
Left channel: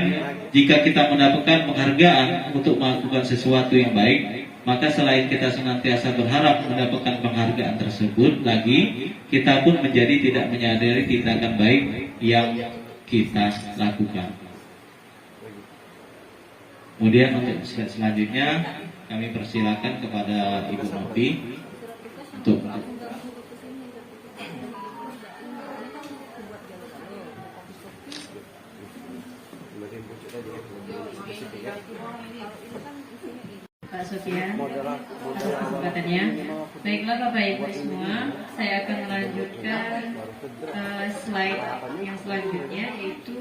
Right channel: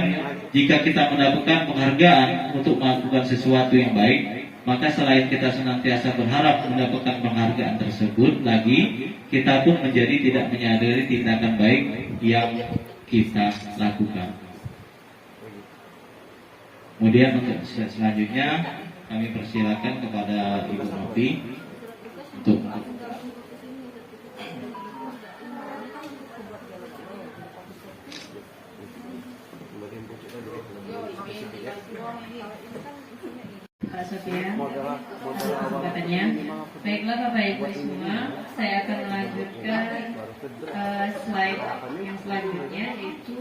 jika kita mendapatkan penghargaan untuk melakukan sesuatu yang baik, maka selain kita senantiasa berharap mendapatkan penghargaan tersebut lagi, kita pun menjadi tidak menyadari tindakan baik yang kita lakukan. Kemudian untuk selanjutnya kami persilakan kepada Ibu Novi untuk Pak Sofian kesempatannya. Baiklah Bapak Ibu semua, saya akan melanjutkan slide yang selanjutnya, yaitu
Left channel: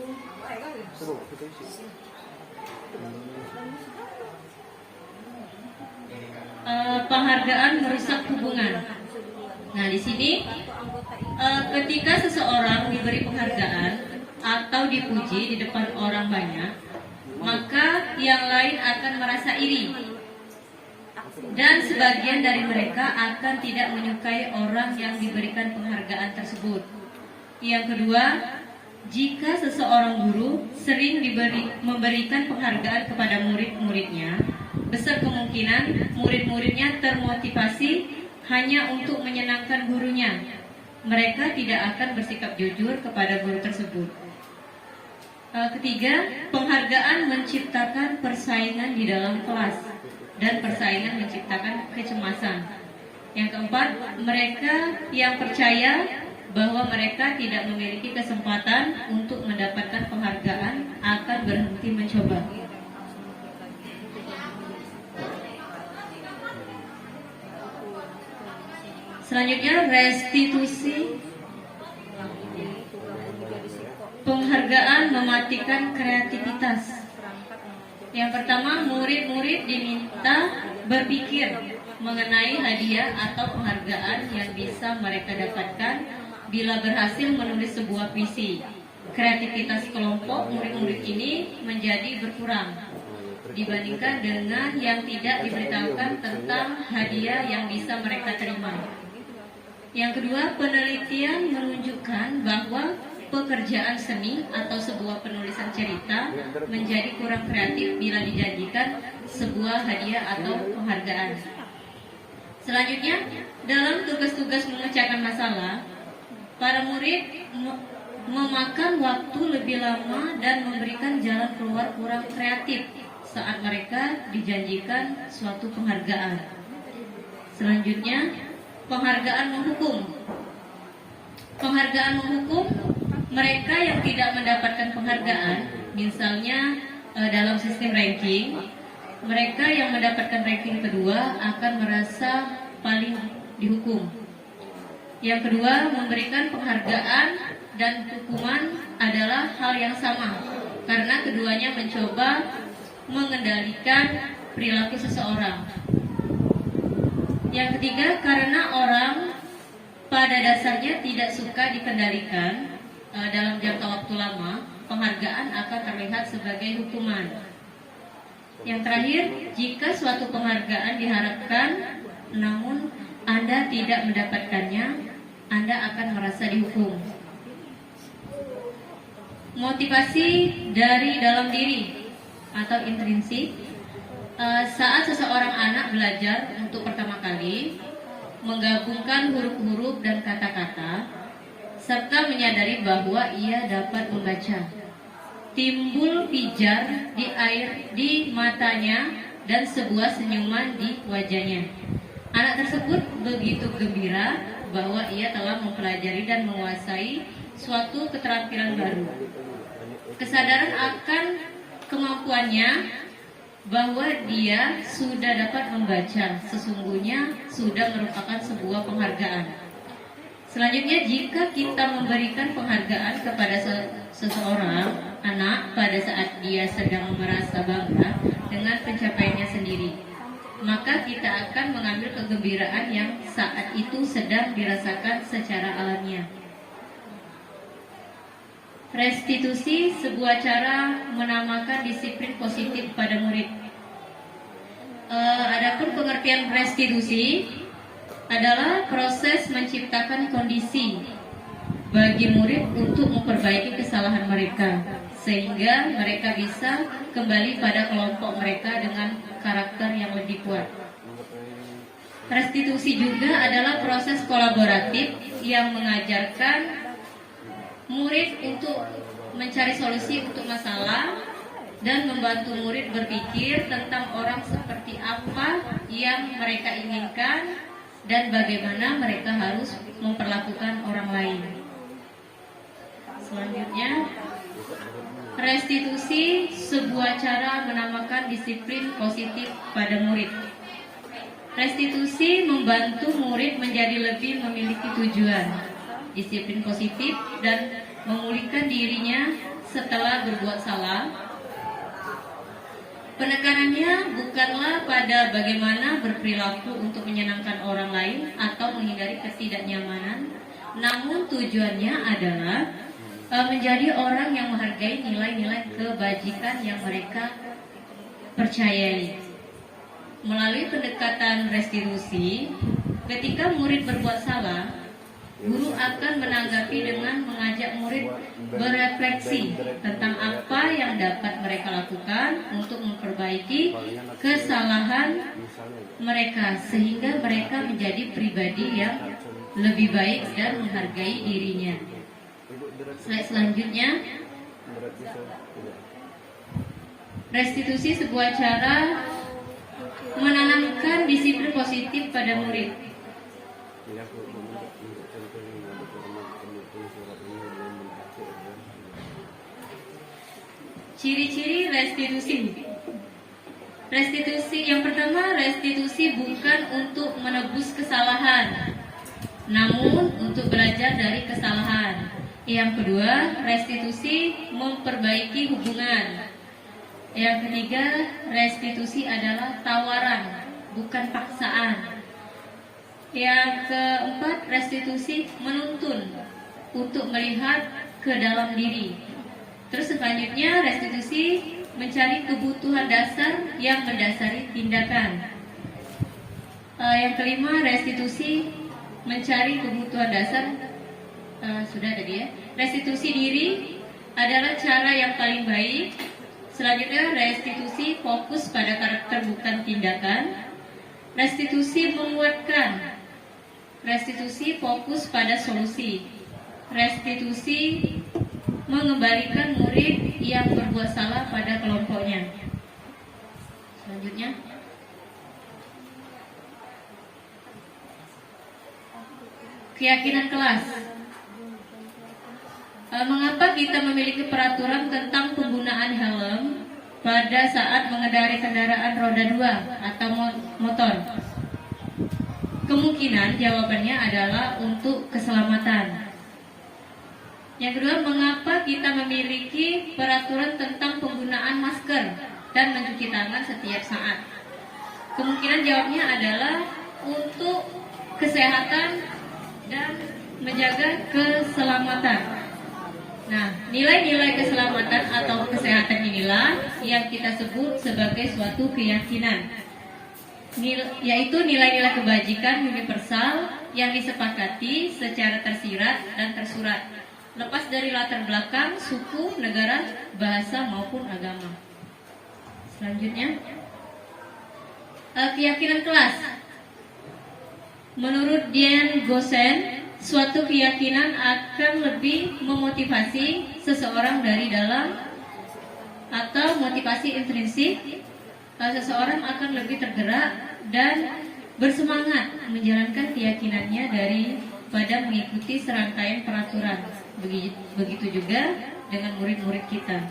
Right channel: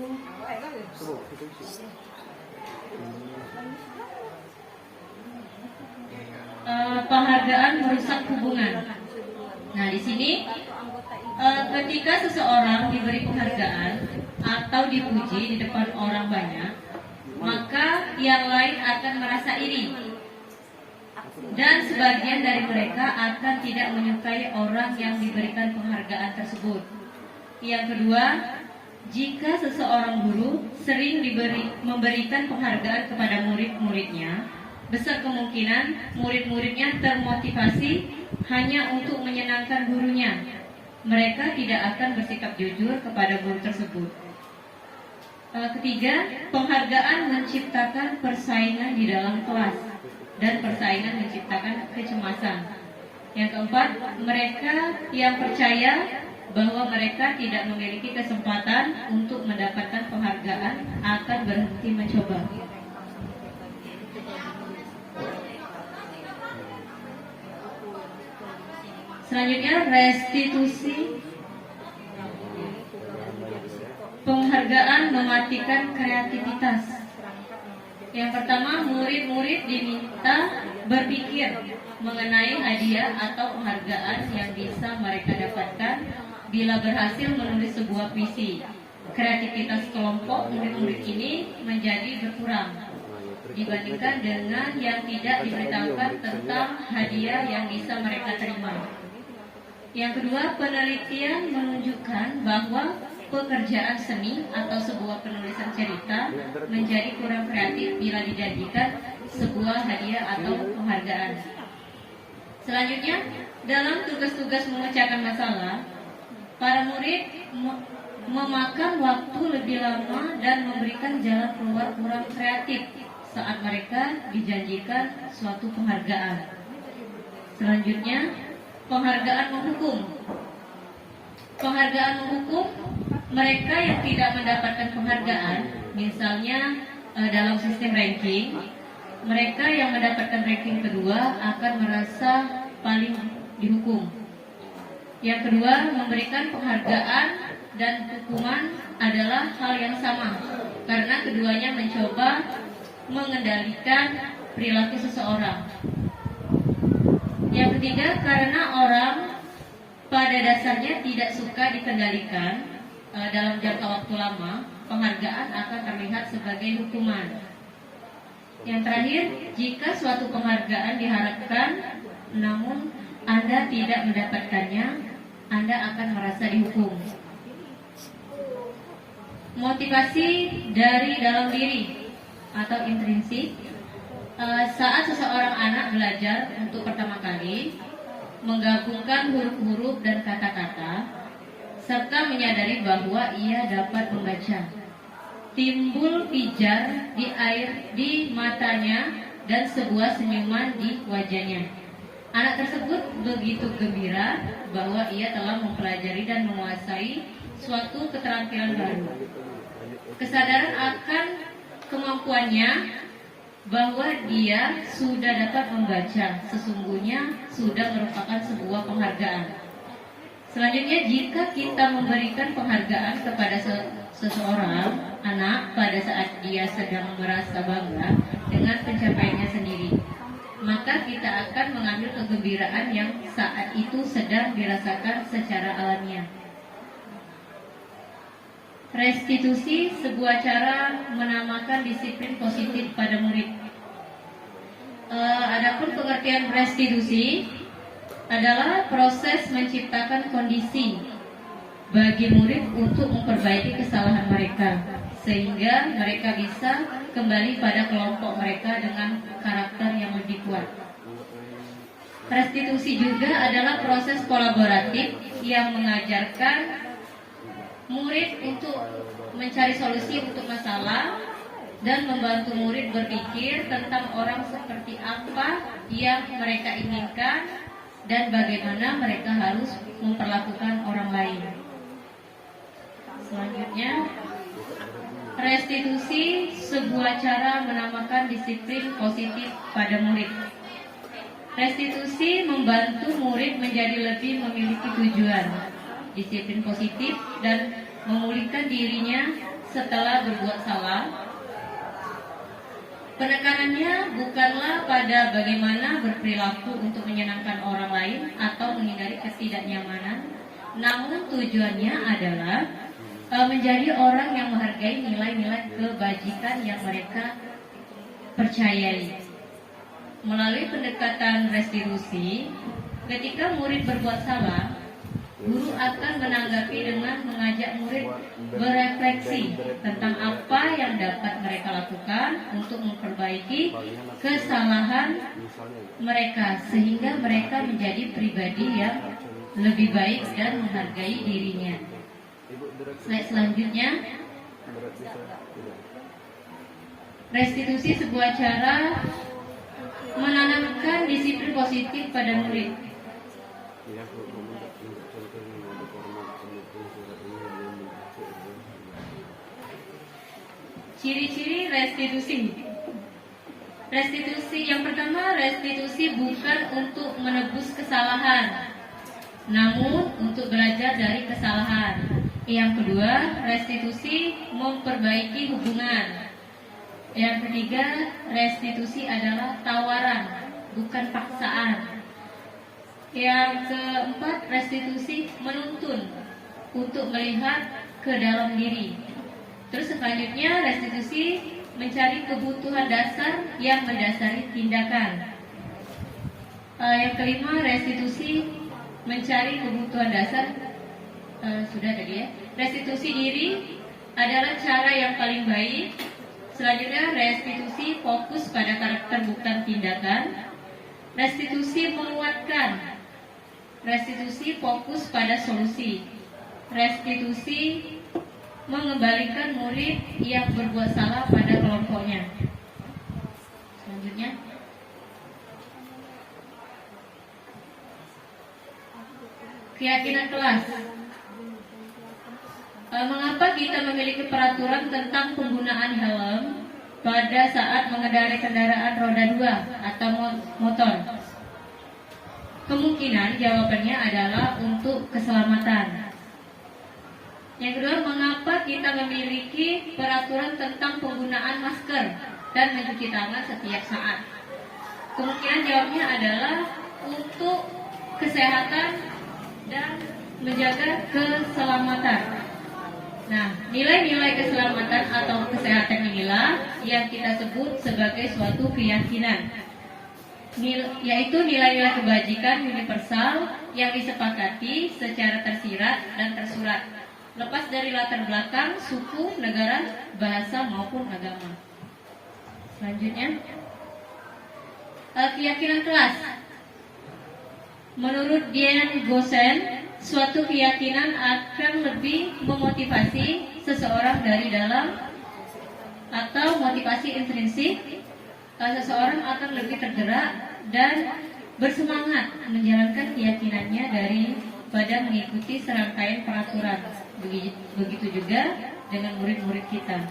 penghargaan merusak hubungan. Nah, di sini ketika seseorang diberi penghargaan atau dipuji di depan orang banyak, maka yang lain akan merasa iri, dan sebagian dari mereka akan tidak menyukai orang yang diberikan penghargaan tersebut. Yang kedua, jika seseorang guru sering memberikan penghargaan kepada murid-muridnya, besar kemungkinan murid-muridnya termotivasi hanya untuk menyenangkan gurunya. Mereka tidak akan bersikap jujur kepada guru tersebut. Ketiga, penghargaan menciptakan persaingan di dalam kelas, dan persaingan menciptakan kecemasan. Yang keempat, mereka yang percaya bahwa mereka tidak memiliki kesempatan untuk mendapatkan penghargaan akan berhenti mencoba. Selanjutnya, restitusi. Penghargaan penghargaan mematikan kreativitas. Yang pertama, murid-murid diminta berpikir mengenai hadiah atau penghargaan yang bisa mereka dapatkan bila berhasil menulis sebuah puisi. Kreativitas kelompok murid-murid ini menjadi berkurang dibandingkan dengan yang tidak diberitahukan tentang hadiah yang bisa mereka terima. Yang kedua, penelitian menunjukkan bahwa pekerjaan seni atau sebuah penulisan cerita menjadi kurang kreatif bila dijanjikan sebuah hadiah atau penghargaan. Selanjutnya, dalam tugas-tugas memecahkan masalah, para murid memakan waktu lebih lama dan memberikan jalan keluar kurang kreatif saat mereka dijanjikan suatu penghargaan. Selanjutnya, penghargaan menghukum. Penghargaan menghukum mereka yang tidak mendapatkan penghargaan, misalnya dalam sistem ranking, mereka yang mendapatkan ranking kedua akan merasa paling dihukum. Yang kedua, memberikan penghargaan dan hukuman adalah hal yang sama, karena keduanya mencoba mengendalikan perilaku seseorang. Yang ketiga, karena orang pada dasarnya tidak suka dikendalikan dalam jangka waktu lama, penghargaan akan terlihat sebagai hukuman. Yang terakhir, jika suatu penghargaan diharapkan namun Anda tidak mendapatkannya, Anda akan merasa dihukum. Motivasi dari dalam diri atau intrinsik. Saat seseorang anak belajar untuk pertama kali, menggabungkan huruf-huruf dan kata-kata, serta menyadari bahwa ia dapat membaca, timbul pijar di air di matanya dan sebuah senyuman di wajahnya. Anak tersebut begitu gembira bahwa ia telah mempelajari dan menguasai suatu keterampilan baru. Kesadaran akan kemampuannya bahwa dia sudah dapat membaca sesungguhnya sudah merupakan sebuah penghargaan. Selanjutnya, jika kita memberikan penghargaan kepada seseorang anak pada saat dia sedang merasa bangga dengan pencapaiannya sendiri, maka kita akan mengambil kegembiraan yang saat itu sedang dirasakan secara alamiah. Restitusi, sebuah cara menamakan disiplin positif pada murid. Adapun pengertian restitusi adalah proses menciptakan kondisi bagi murid untuk memperbaiki kesalahan mereka, sehingga mereka bisa kembali pada kelompok mereka dengan karakter yang lebih kuat. Restitusi juga adalah proses kolaboratif yang mengajarkan murid untuk mencari solusi untuk masalah dan membantu murid berpikir tentang orang seperti apa yang mereka inginkan dan bagaimana mereka harus memperlakukan orang lain. Selanjutnya, restitusi, sebuah cara menamakan disiplin positif pada murid. Restitusi membantu murid menjadi lebih memiliki tujuan, disiplin positif, dan memulihkan dirinya setelah berbuat salah. Penekanannya bukanlah pada bagaimana berperilaku untuk menyenangkan orang lain atau menghindari ketidaknyamanan, namun tujuannya adalah menjadi orang yang menghargai nilai-nilai kebajikan yang mereka percayai. Melalui pendekatan restitusi, ketika murid berbuat salah, guru akan menanggapi dengan mengajak murid berefleksi tentang apa yang dapat mereka lakukan untuk memperbaiki kesalahan mereka, sehingga mereka menjadi pribadi yang lebih baik dan menghargai dirinya. Slide selanjutnya, restitusi, sebuah cara menanamkan disiplin positif pada murid. Ciri-ciri restitusi. Restitusi yang pertama, restitusi bukan untuk menebus kesalahan, namun untuk belajar dari kesalahan. Yang kedua, restitusi memperbaiki hubungan. Yang ketiga, restitusi adalah tawaran, bukan paksaan. Yang keempat, restitusi menuntun untuk melihat ke dalam diri. Terus selanjutnya, restitusi mencari kebutuhan dasar yang mendasari tindakan. Yang kelima, restitusi mencari kebutuhan dasar. Sudah tadi ya. Restitusi diri adalah cara yang paling baik. Selanjutnya, restitusi fokus pada karakter bukan tindakan. Restitusi menguatkan. Restitusi fokus pada solusi. Restitusi mengembalikan murid yang berbuat salah pada kelompoknya. Selanjutnya, keyakinan kelas. Mengapa kita memiliki peraturan tentang penggunaan helm pada saat mengendarai kendaraan roda 2 atau motor? Kemungkinan jawabannya adalah untuk keselamatan. Yang kedua, mengapa kita memiliki peraturan tentang penggunaan masker dan mencuci tangan setiap saat? Kemungkinan jawabnya adalah untuk kesehatan dan menjaga keselamatan. Nah, nilai-nilai keselamatan atau kesehatan inilah yang kita sebut sebagai suatu keyakinan, yaitu nilai-nilai kebajikan universal yang disepakati secara tersirat dan tersurat, lepas dari latar belakang, suku, negara, bahasa maupun agama. Selanjutnya, keyakinan kelas. Menurut Dian Gosen, suatu keyakinan akan lebih memotivasi seseorang dari dalam atau motivasi intrinsik. Seseorang akan lebih tergerak dan bersemangat menjalankan keyakinannya daripada mengikuti serangkaian peraturan. Begitu juga dengan murid-murid kita.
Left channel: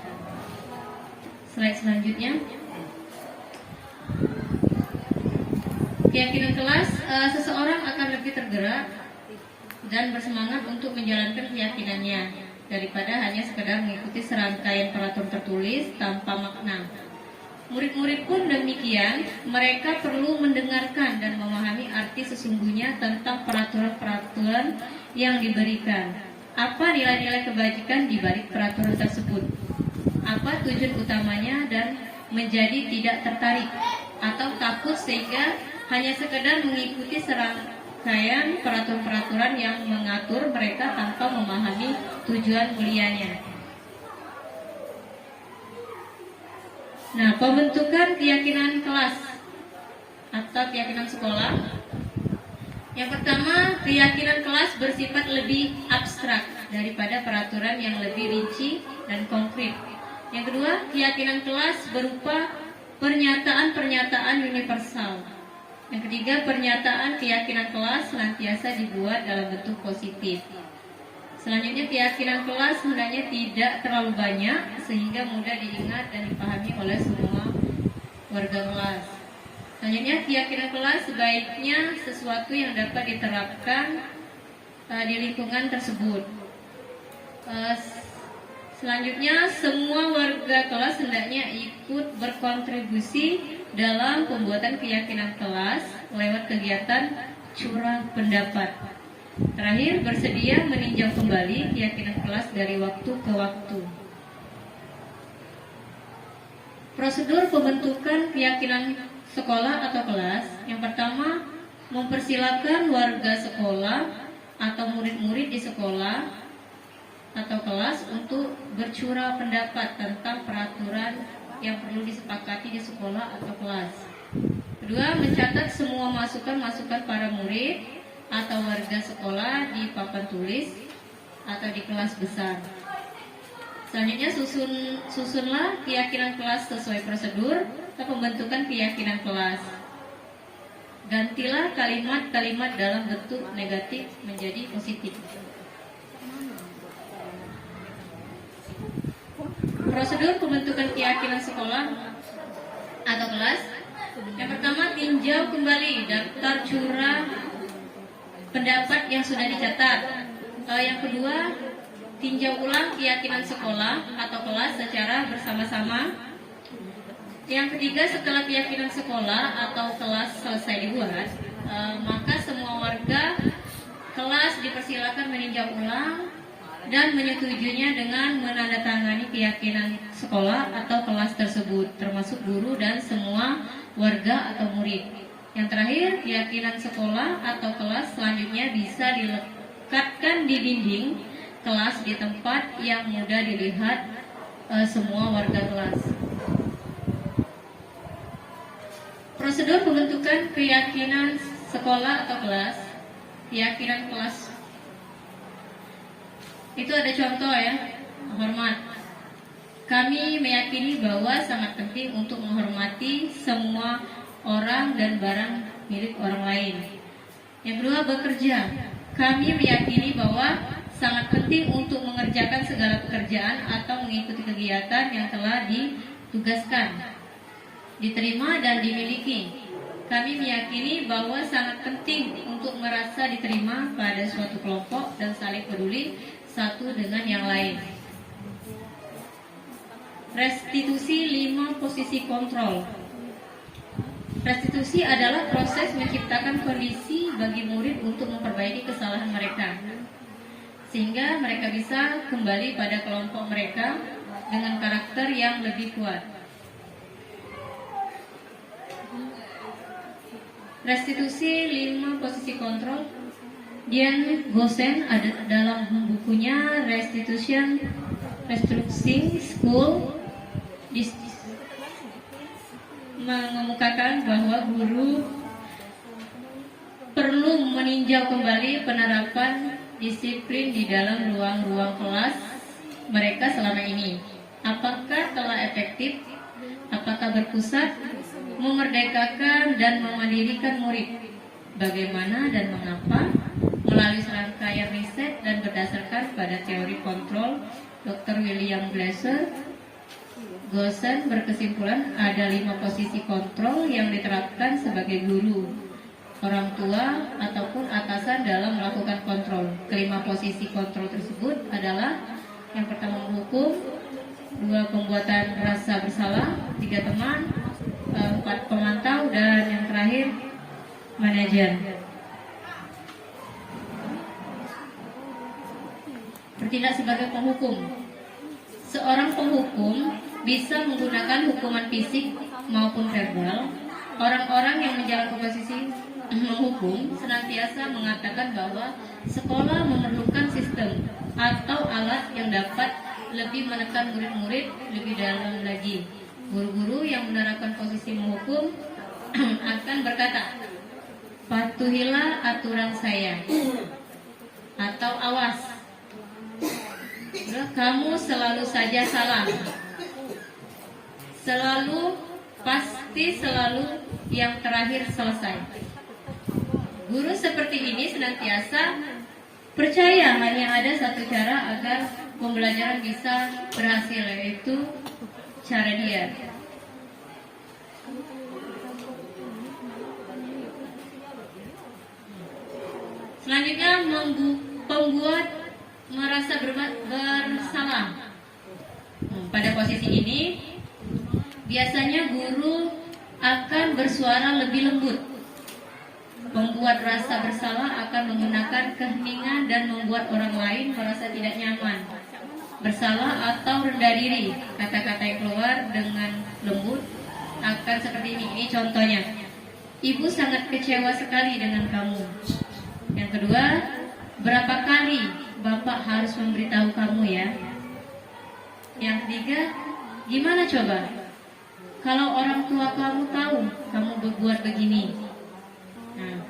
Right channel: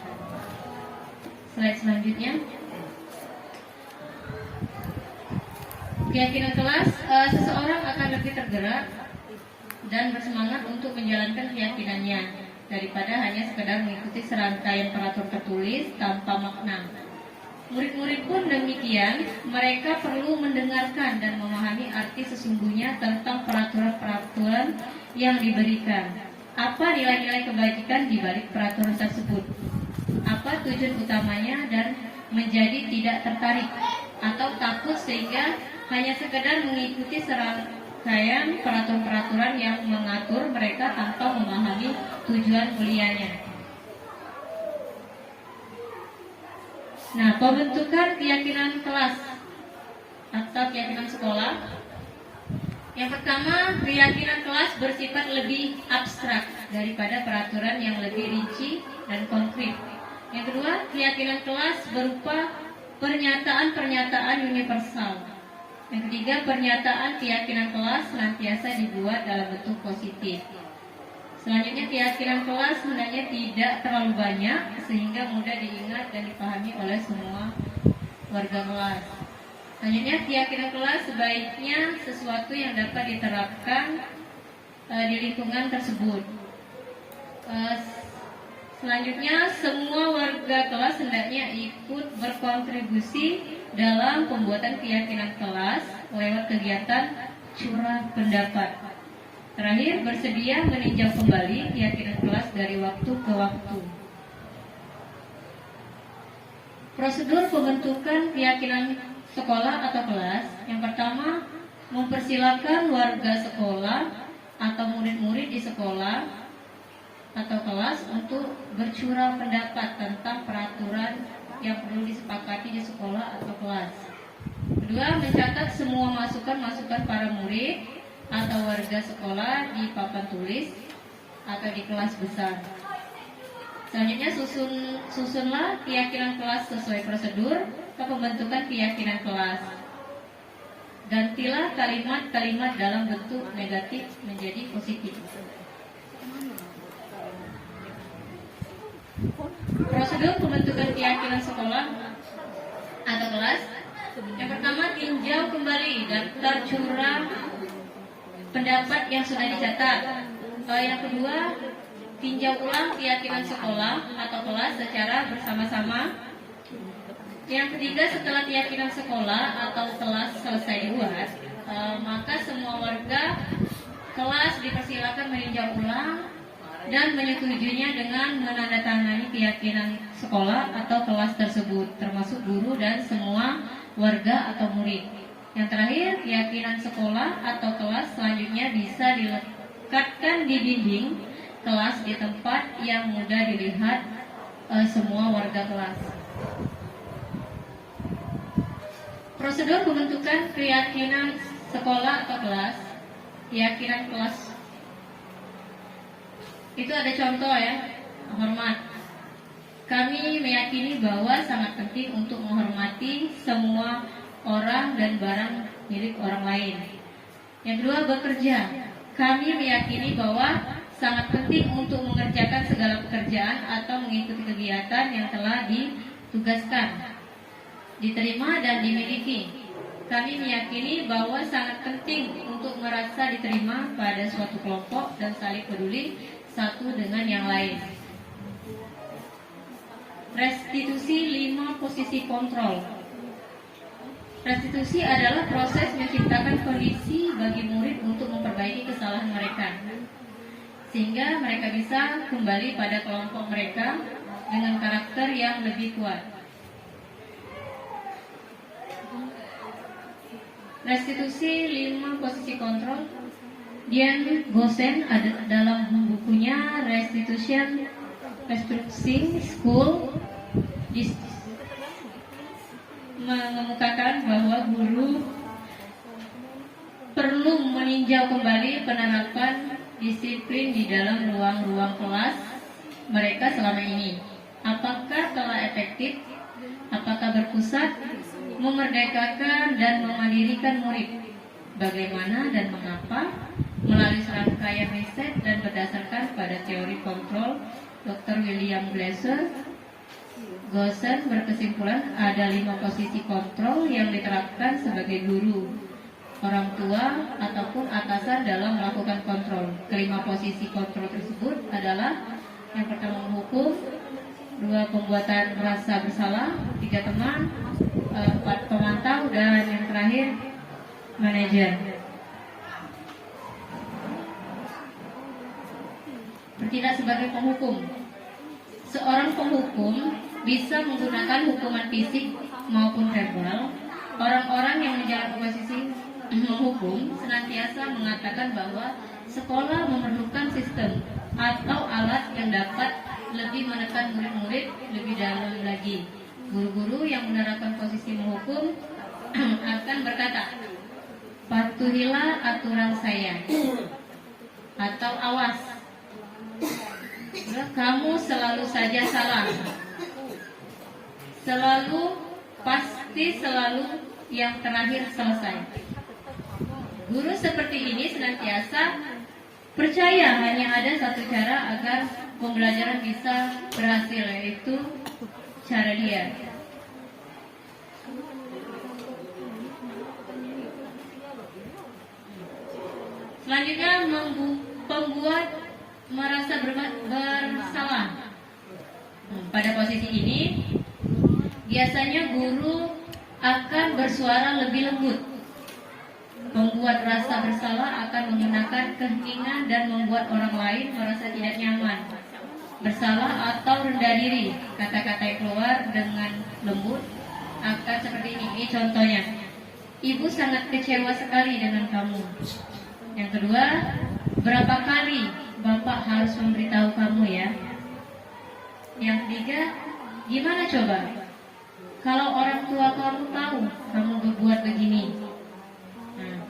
Slide selanjutnya. Keyakinan kelas, seseorang akan lebih tergerak dan bersemangat untuk menjalankan keyakinannya daripada hanya sekedar mengikuti serangkaian peraturan tertulis tanpa makna. Murid-murid pun demikian, mereka perlu mendengarkan dan memahami arti sesungguhnya tentang peraturan-peraturan yang diberikan. Apa nilai-nilai kebajikan di balik peraturan tersebut? Apa tujuan utamanya dan menjadi tidak tertarik atau takut sehingga hanya sekedar mengikuti serangkaian peraturan-peraturan yang mengatur mereka tanpa memahami tujuan mulianya. Nah, pembentukan keyakinan kelas atau keyakinan sekolah. Yang pertama, keyakinan kelas bersifat lebih abstrak daripada peraturan yang lebih rinci dan konkret. Yang kedua, keyakinan kelas berupa pernyataan-pernyataan universal. Yang ketiga, pernyataan keyakinan kelas senantiasa dibuat dalam bentuk positif. Selanjutnya, keyakinan kelas sebenarnya tidak terlalu banyak sehingga mudah diingat dan dipahami oleh semua warga kelas. Selanjutnya, keyakinan kelas sebaiknya sesuatu yang dapat diterapkan di lingkungan tersebut. Selanjutnya, semua warga kelas hendaknya ikut berkontribusi dalam pembuatan keyakinan kelas lewat kegiatan curah pendapat. Terakhir, bersedia meninjau kembali keyakinan kelas dari waktu ke waktu. Prosedur pembentukan keyakinan sekolah atau kelas. Yang pertama, mempersilakan warga sekolah atau murid-murid di sekolah atau kelas untuk bercurah pendapat tentang peraturan yang perlu disepakati di sekolah atau kelas. Kedua, mencatat semua masukan-masukan para murid atau warga sekolah di papan tulis atau di kelas besar. Selanjutnya, susunlah keyakinan kelas sesuai prosedur pembentukan keyakinan kelas. Gantilah kalimat-kalimat dalam bentuk negatif menjadi positif. Prosedur pembentukan keyakinan sekolah atau kelas. Yang pertama, tinjau kembali daftar curah pendapat yang sudah dicatat. Yang kedua, tinjau ulang keyakinan sekolah atau kelas secara bersama-sama. Yang ketiga, setelah keyakinan sekolah atau kelas selesai dibuat, maka semua warga kelas dipersilakan meninjau ulang dan menyetujuinya dengan menandatangani keyakinan sekolah atau kelas tersebut, termasuk guru dan semua warga atau murid. Yang terakhir, keyakinan sekolah atau kelas selanjutnya bisa dilekatkan di dinding kelas di tempat yang mudah dilihat semua warga kelas. Prosedur pembentukan keyakinan sekolah atau kelas, keyakinan kelas. Itu ada contoh ya, hormat. Kami meyakini bahwa sangat penting untuk menghormati semua orang dan barang milik orang lain. Yang kedua, bekerja. Kami meyakini bahwa sangat penting untuk mengerjakan segala pekerjaan atau mengikuti kegiatan yang telah ditugaskan, diterima dan dimiliki. Kami meyakini bahwa sangat penting untuk merasa diterima pada suatu kelompok dan saling peduli satu dengan yang lain. Restitusi 5 posisi kontrol. Restitusi adalah proses menciptakan kondisi bagi murid untuk memperbaiki kesalahan mereka, sehingga mereka bisa kembali pada kelompok mereka dengan karakter yang lebih kuat. Restitusi 5 posisi kontrol. Dian Gosen ada dalam bukunya Restitution Restructuring School mengemukakan bahwa guru perlu meninjau kembali penerapan disiplin di dalam ruang-ruang kelas mereka selama ini. Apakah telah efektif? Apakah berpusat, memerdekakan dan memandirikan murid? Bagaimana dan mengapa? Melalui serangkaian riset dan berdasarkan pada teori kontrol Dr. William Glasser, Gosen berkesimpulan ada 5 posisi kontrol yang diterapkan sebagai guru, orang tua, ataupun atasan dalam melakukan kontrol. Kelima posisi kontrol tersebut adalah: yang pertama menghukum, 2 pembuatan rasa bersalah, 3 teman, 4 pemantau, dan yang terakhir manajer. Bertindak sebagai penghukum. Seorang penghukum bisa menggunakan hukuman fisik maupun verbal. Orang-orang yang menjalankan posisi menghukum senantiasa mengatakan bahwa sekolah memerlukan sistem atau alat yang dapat lebih menekan murid-murid lebih dalam lagi. Guru-guru yang menerapkan posisi menghukum akan berkata, patuhilah aturan saya, atau awas, kamu selalu saja salah, selalu, pasti selalu yang terakhir selesai. Guru seperti ini senantiasa percaya hanya ada satu cara agar pembelajaran bisa berhasil, yaitu cara dia. Selanjutnya, pembuat merasa bersalah. Pada posisi ini, biasanya guru akan bersuara lebih lembut. Membuat rasa bersalah akan menggunakan keheningan dan membuat orang lain merasa tidak nyaman, bersalah atau rendah diri. Kata-kata yang keluar dengan lembut akan seperti ini. Ini contohnya. Ibu sangat kecewa sekali dengan kamu. Yang kedua, berapa kali Bapak harus memberitahu kamu ya? Yang ketiga, gimana coba kalau orang tua kamu tahu kamu berbuat begini? Nah,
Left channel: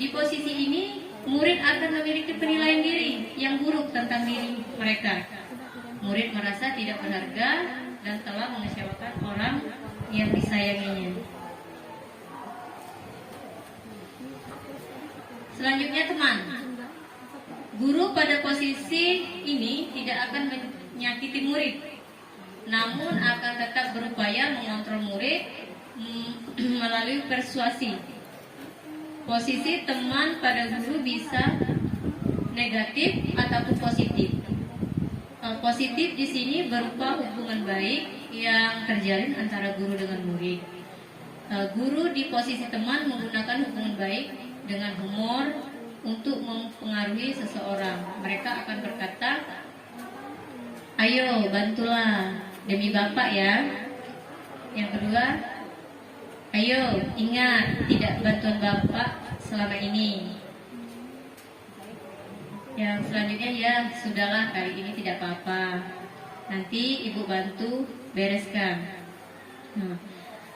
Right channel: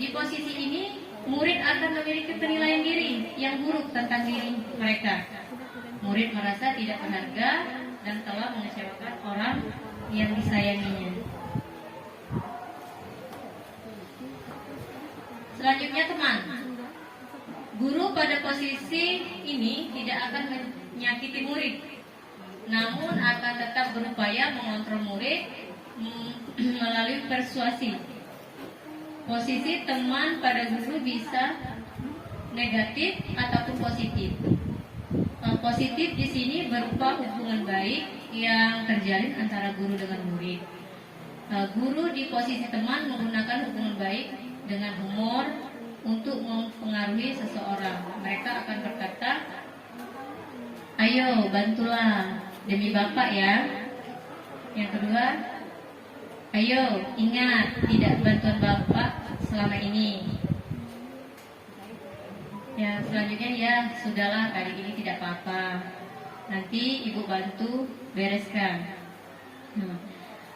di posisi ini murid akan memiliki penilaian diri yang buruk tentang diri mereka. Murid merasa tidak berharga dan telah mengecewakan orang yang disayanginya. Selanjutnya, teman. Guru pada posisi ini tidak akan menyakiti murid, namun akan tetap berupaya mengontrol murid melalui persuasi. Posisi teman pada guru bisa negatif ataupun positif. Positif di sini berupa hubungan baik yang terjalin antara guru dengan murid. Guru di posisi teman menggunakan hubungan baik dengan humor untuk mempengaruhi seseorang. Mereka akan berkata, ayo bantulah demi Bapak ya. Yang kedua, ayo ingat tidak bantuan Bapak selama ini. Yang selanjutnya, ya sudahlah kali ini tidak apa-apa, nanti ibu bantu bereskan.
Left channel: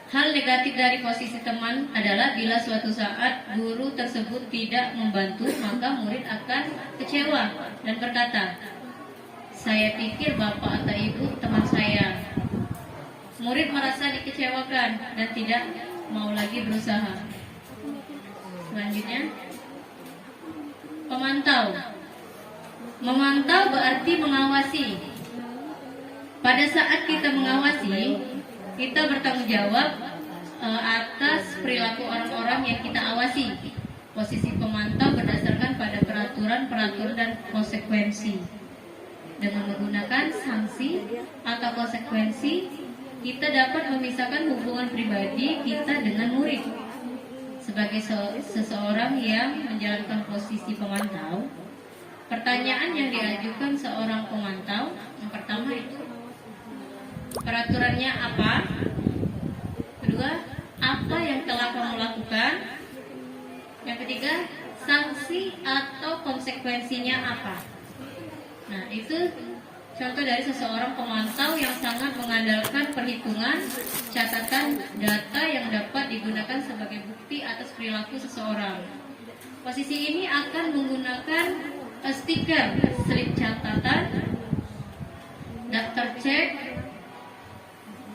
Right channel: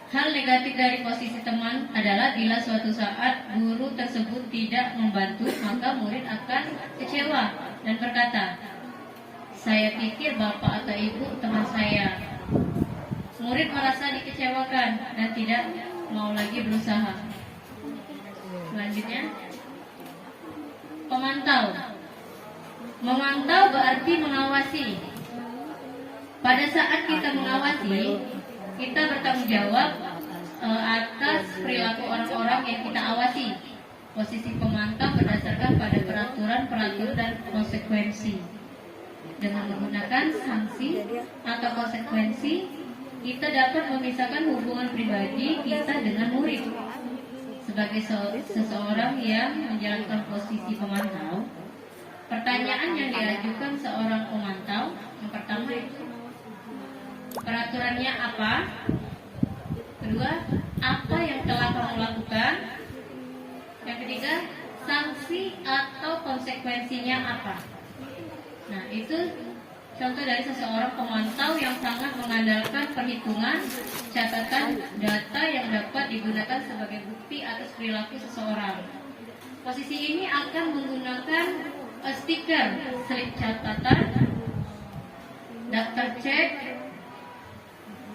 Hal negatif dari posisi teman adalah bila suatu saat guru tersebut tidak membantu, maka murid akan kecewa dan berkata, saya pikir Bapak atau Ibu teman saya. Murid merasa dikecewakan dan tidak mau lagi berusaha. Selanjutnya, pemantau. Memantau berarti mengawasi. Pada saat kita mengawasi, kita bertanggung jawab atas perilaku orang-orang yang kita awasi. Posisi pemantau berdasarkan pada peraturan dan konsekuensi. Dengan menggunakan sanksi atau konsekuensi, kita dapat memisahkan hubungan pribadi kita dengan murid. Sebagai seseorang yang menjalankan posisi pemantau, pertanyaan yang diajukan seorang pemantau yang pertama itu, peraturannya apa? Kedua, apa yang telah kamu lakukan? Yang ketiga, sanksi atau konsekuensinya apa? Nah, itu contoh dari seseorang pemantau yang sangat mengandalkan perhitungan, catatan data yang dapat digunakan sebagai bukti atas perilaku seseorang. Posisi ini akan menggunakan stiker, slip catatan, daftar cek.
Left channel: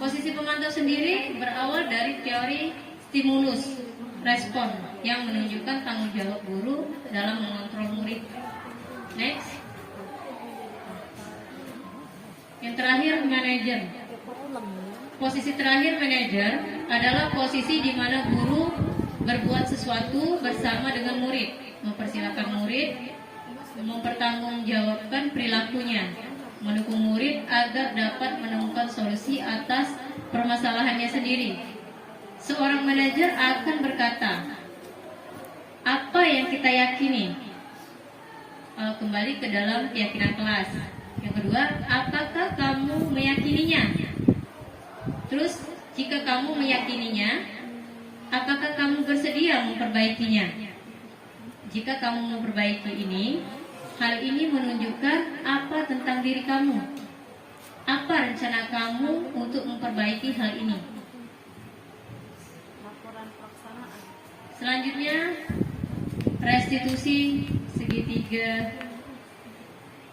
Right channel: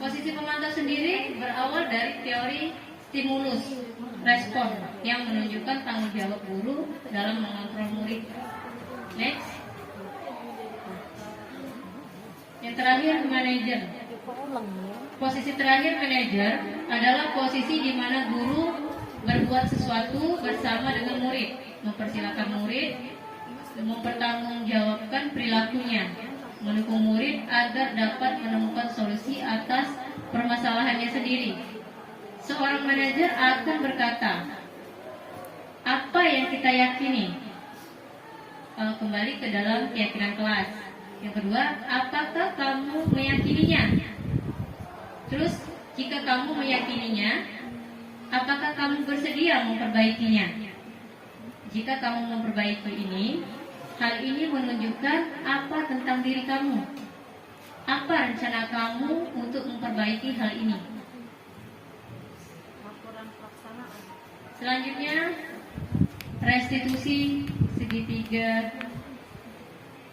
Posisi pemantau sendiri berawal dari teori stimulus respon yang menunjukkan tanggung jawab guru dalam mengontrol murid. Next. Yang terakhir, manajer. Posisi terakhir, manajer, adalah posisi di mana guru berbuat sesuatu bersama dengan murid, mempersilakan murid, mempertanggungjawabkan perilakunya, mendukung murid agar dapat menemukan solusi atas permasalahannya sendiri. Seorang manajer akan berkata, apa yang kita yakini? Kembali ke dalam keyakinan kelas. Yang kedua, apakah kamu meyakininya? Terus, jika kamu meyakininya, apakah kamu bersedia memperbaikinya? Jika kamu memperbaiki ini, hal ini menunjukkan apa tentang diri kamu? Apa rencana kamu untuk memperbaiki hal ini? Selanjutnya, restitusi segitiga.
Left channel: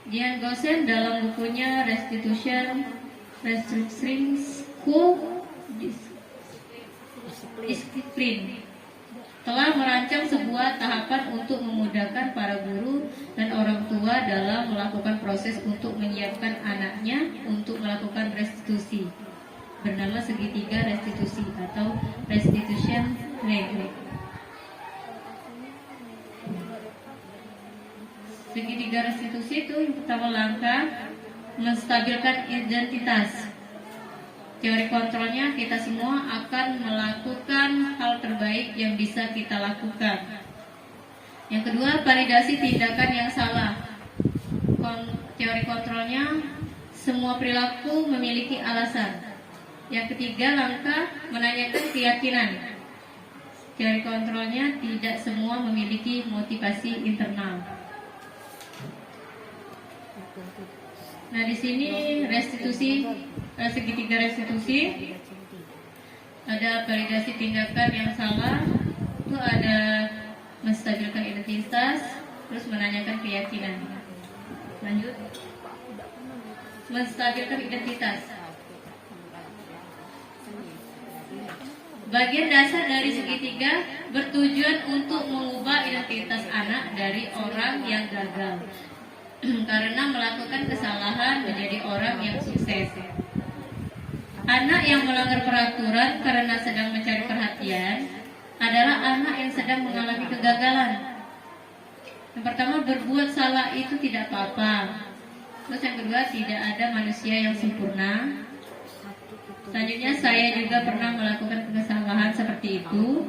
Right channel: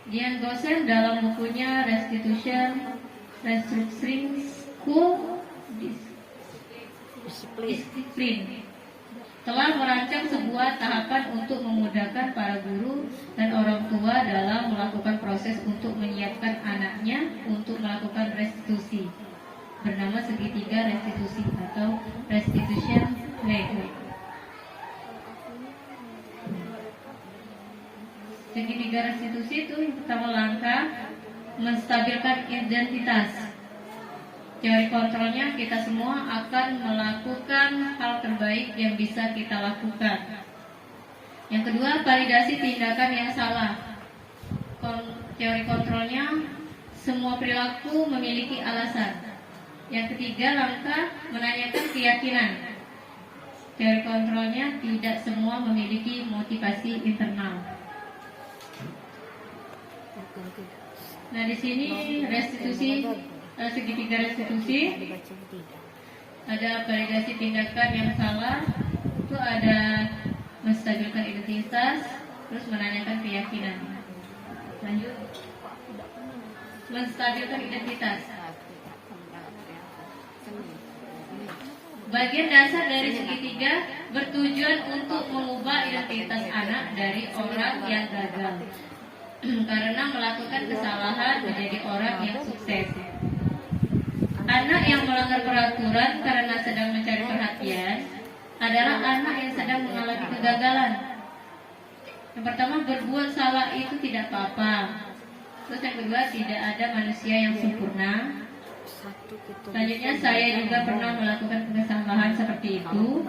Dian Gosen dalam bukunya Restitution, Restructuring School Discipline telah merancang sebuah tahapan untuk memudahkan para guru dan orang tua dalam melakukan proses untuk menyiapkan anaknya untuk melakukan restitusi, bernama segitiga restitusi atau restitution network. Segitiga restitusi itu pertama langkah menstabilkan identitas. Teori kontrolnya, kita semua akan melakukan hal terbaik yang bisa kita lakukan. Yang kedua, validasi tindakan yang salah. Teori kontrolnya, semua perilaku memiliki alasan. Yang ketiga, langkah menanyakan keyakinan. Teori kontrolnya, tidak semua memiliki motivasi internal. Nah, di sini restitusi, segitiga restitusi, ada validasi tindakan yang salah, itu ada menstabilkan identitas, terus menanyakan keyakinan. Lanjut, menstabilkan identitas. Bagian dasar dari segitiga bertujuan untuk mengubah identitas anak dari orang yang gagal karena melakukan kesalahan menjadi orang yang sukses. Anak yang melanggar peraturan karena sedang mencari perhatian adalah anak yang sedang mengalami kegagalan. Yang pertama, berbuat salah itu tidak apa-apa. Terus yang kedua, tidak ada manusia yang sempurna. Selanjutnya, saya juga pernah melakukan kesalahan seperti itu.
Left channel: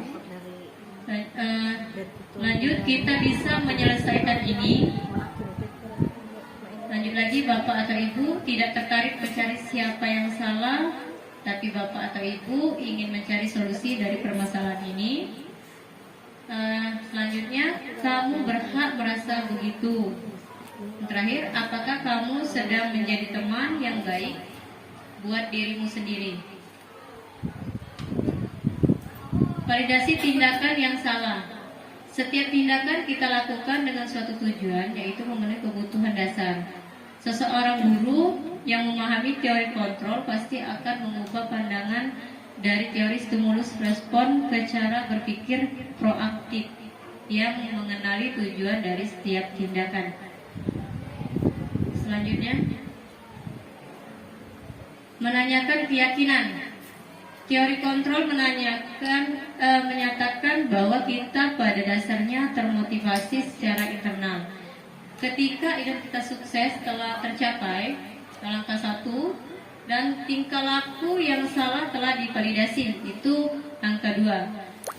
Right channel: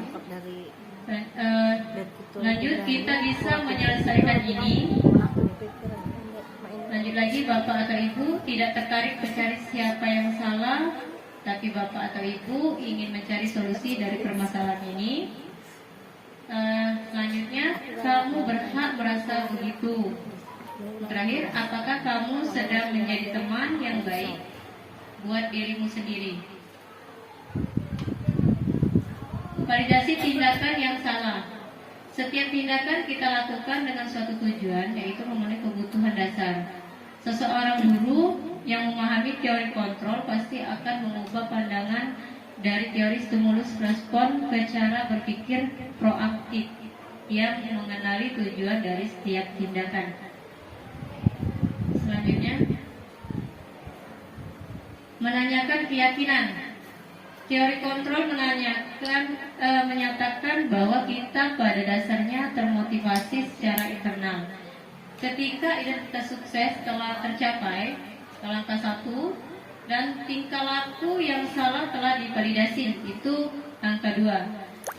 Lanjut, kita bisa menyelesaikan ini. Lanjut lagi, Bapak atau Ibu tidak tertarik mencari siapa yang salah, tapi Bapak atau Ibu ingin mencari solusi dari permasalahan ini. Selanjutnya, kamu berhak merasa begitu. Terakhir, apakah kamu sedang menjadi teman yang baik buat dirimu sendiri? Validasi tindakan yang salah. Setiap tindakan kita lakukan dengan suatu tujuan, yaitu memenuhi kebutuhan dasar. Seseorang guru yang memahami teori kontrol pasti akan mengubah pandangan dari teori stimulus respon ke cara berpikir proaktif yang mengenali tujuan dari setiap tindakan. Selanjutnya, menanyakan keyakinan. Teori kontrol menyatakan bahwa kita pada dasarnya termotivasi secara internal. Ketika identitas sukses telah tercapai, langkah 1, dan tingkah laku yang salah telah divalidasi, itu angka 2,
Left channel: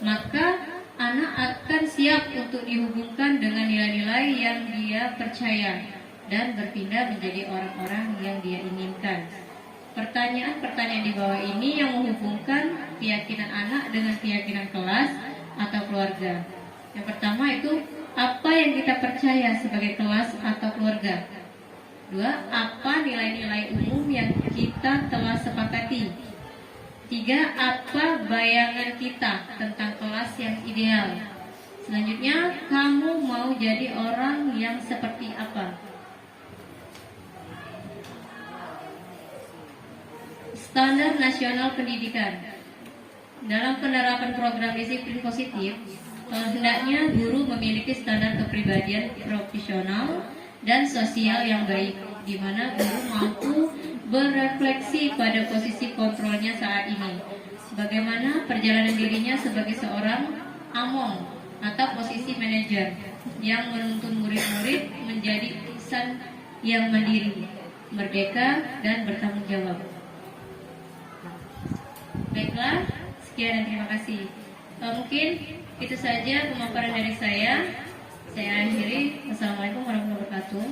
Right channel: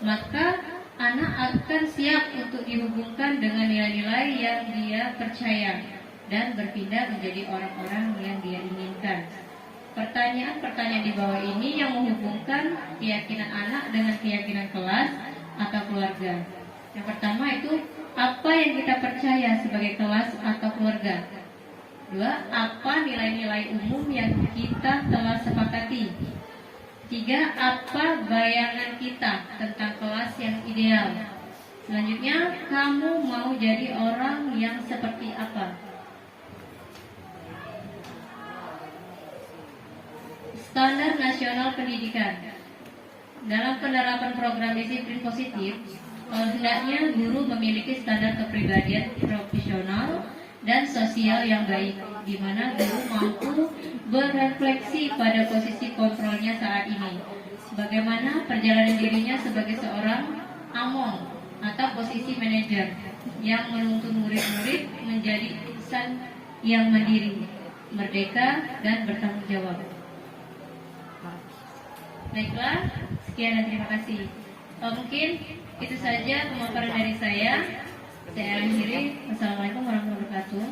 maka anak akan siap untuk dihubungkan dengan nilai-nilai yang dia percaya dan berpindah menjadi orang-orang yang dia inginkan. Pertanyaan-pertanyaan di bawah ini yang menghubungkan keyakinan anak dengan keyakinan kelas atau keluarga. Yang pertama itu, apa yang kita percaya sebagai kelas atau keluarga? 2. Apa nilai-nilai umum yang kita telah sepakati? 3. Apa bayangan kita tentang kelas yang ideal? Selanjutnya, kamu mau jadi orang yang seperti apa? Standar Nasional Pendidikan. Dalam penerapan program disiplin positif, hendaknya guru memiliki standar kepribadian profesional dan sosial yang baik, di mana guru mampu berefleksi pada posisi kontrolnya saat ini. Bagaimana perjalanan dirinya sebagai seorang among atau posisi manajer yang menuntun murid-murid menjadi insan yang mandiri, merdeka, dan bertanggung jawab. Baiklah, sekian dan terima kasih. Mungkin itu saja pemaparan dari saya. Saya akhiri. Wassalamualaikum warahmatullahi wabarakatuh.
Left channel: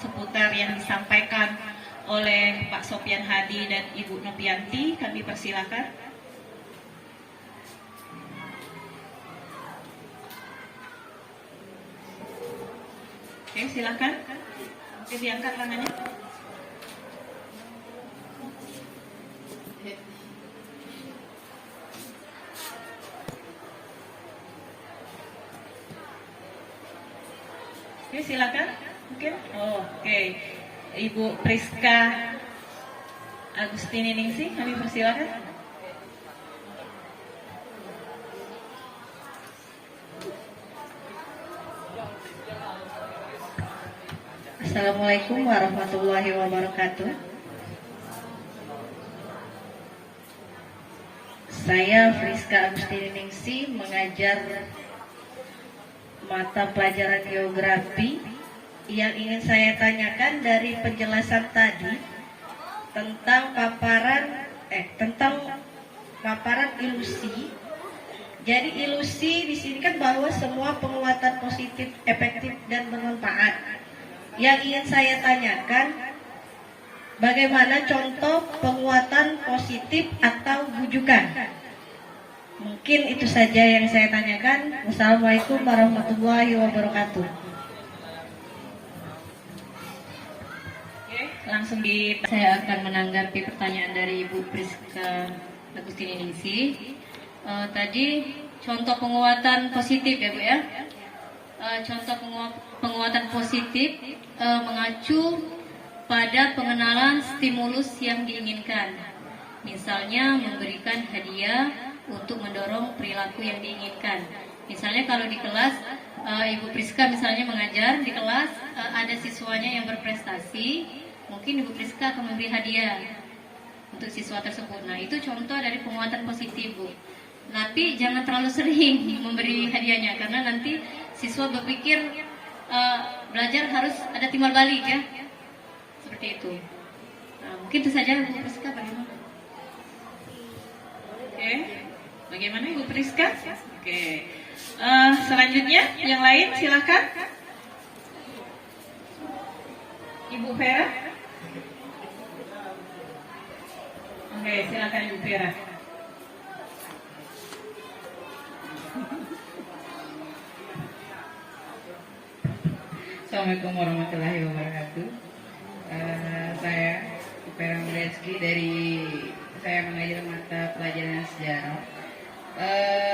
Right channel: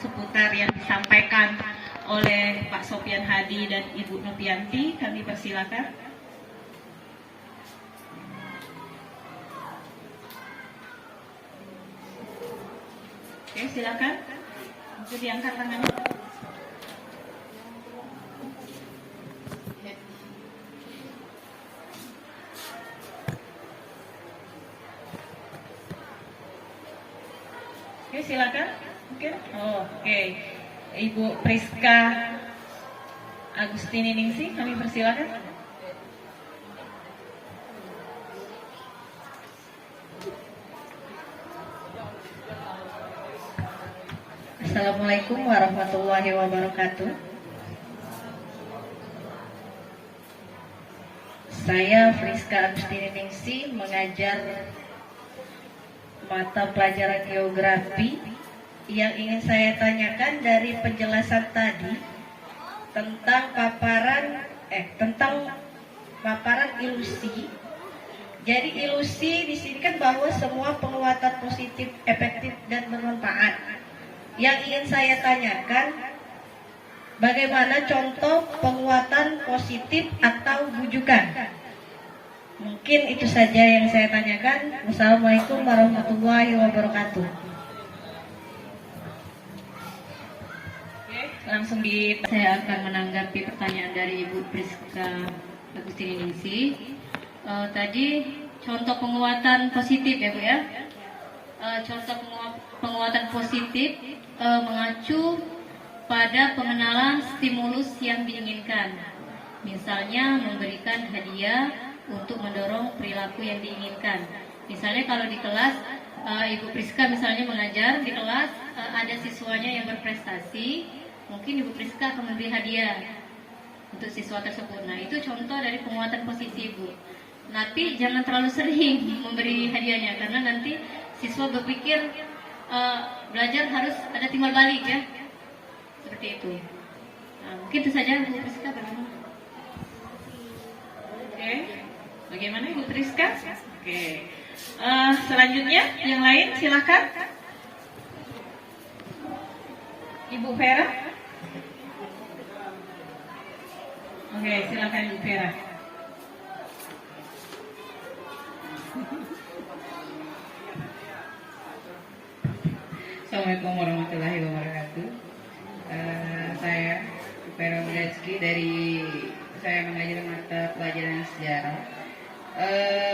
Seputar yang disampaikan oleh Pak Sopyan Hadi dan Ibu Nopianti, kami persilakan. Oke, silakan. Mungkin diangkat tangannya. Oke, silakan. Oke. Oke. Ibu Priska Agustini Ningsih, kami persilakan. Assalamualaikum warahmatullahi wabarakatuh. Saya Priska Agustini Ningsih, mengajar mata pelajaran geografi. Yang ingin saya tanyakan dari penjelasan tadi tentang paparan ilusi. Jadi ilusi di sini kan bahwa semua penguatan positif, efektif, dan bermanfaat. Yang ingin saya tanyakan, bagaimana contoh penguatan positif atau bujukan? Mungkin itu saja yang saya tanyakan. Wassalamualaikum warahmatullahi wabarakatuh. Langsung saya akan menanggapi pertanyaan dari Ibu Priska Agustini Ningsih. Tadi contoh penguatan positif ya Bu ya. Contoh penguatan positif mengacu pada pengenalan stimulus yang diinginkan. Misalnya memberikan hadiah untuk mendorong perilaku yang diinginkan. Misalnya kalau di kelas Ibu Priska misalnya mengajar di kelas, ada siswanya yang berprestasi, mungkin Ibu Priska akan memberi hadiah untuk siswa tersebut. Nah, itu contoh dari penguatan positif, Bu. Tapi jangan terlalu sering memberi hadiahnya karena nanti siswa berpikir belajar harus ada timbal balik ya. Seperti itu. Mungkin itu saja Bu Priska, bagaimana? Oke. Bagaimana Ibu Priska? Oke. Selanjutnya yang lain silakan. Ibu Vera. Oke, silakan Ibu Vera. Assalamualaikum warahmatullahi wabarakatuh. Saya Vera Mileski saya mengajar mata pelajaran sejarah.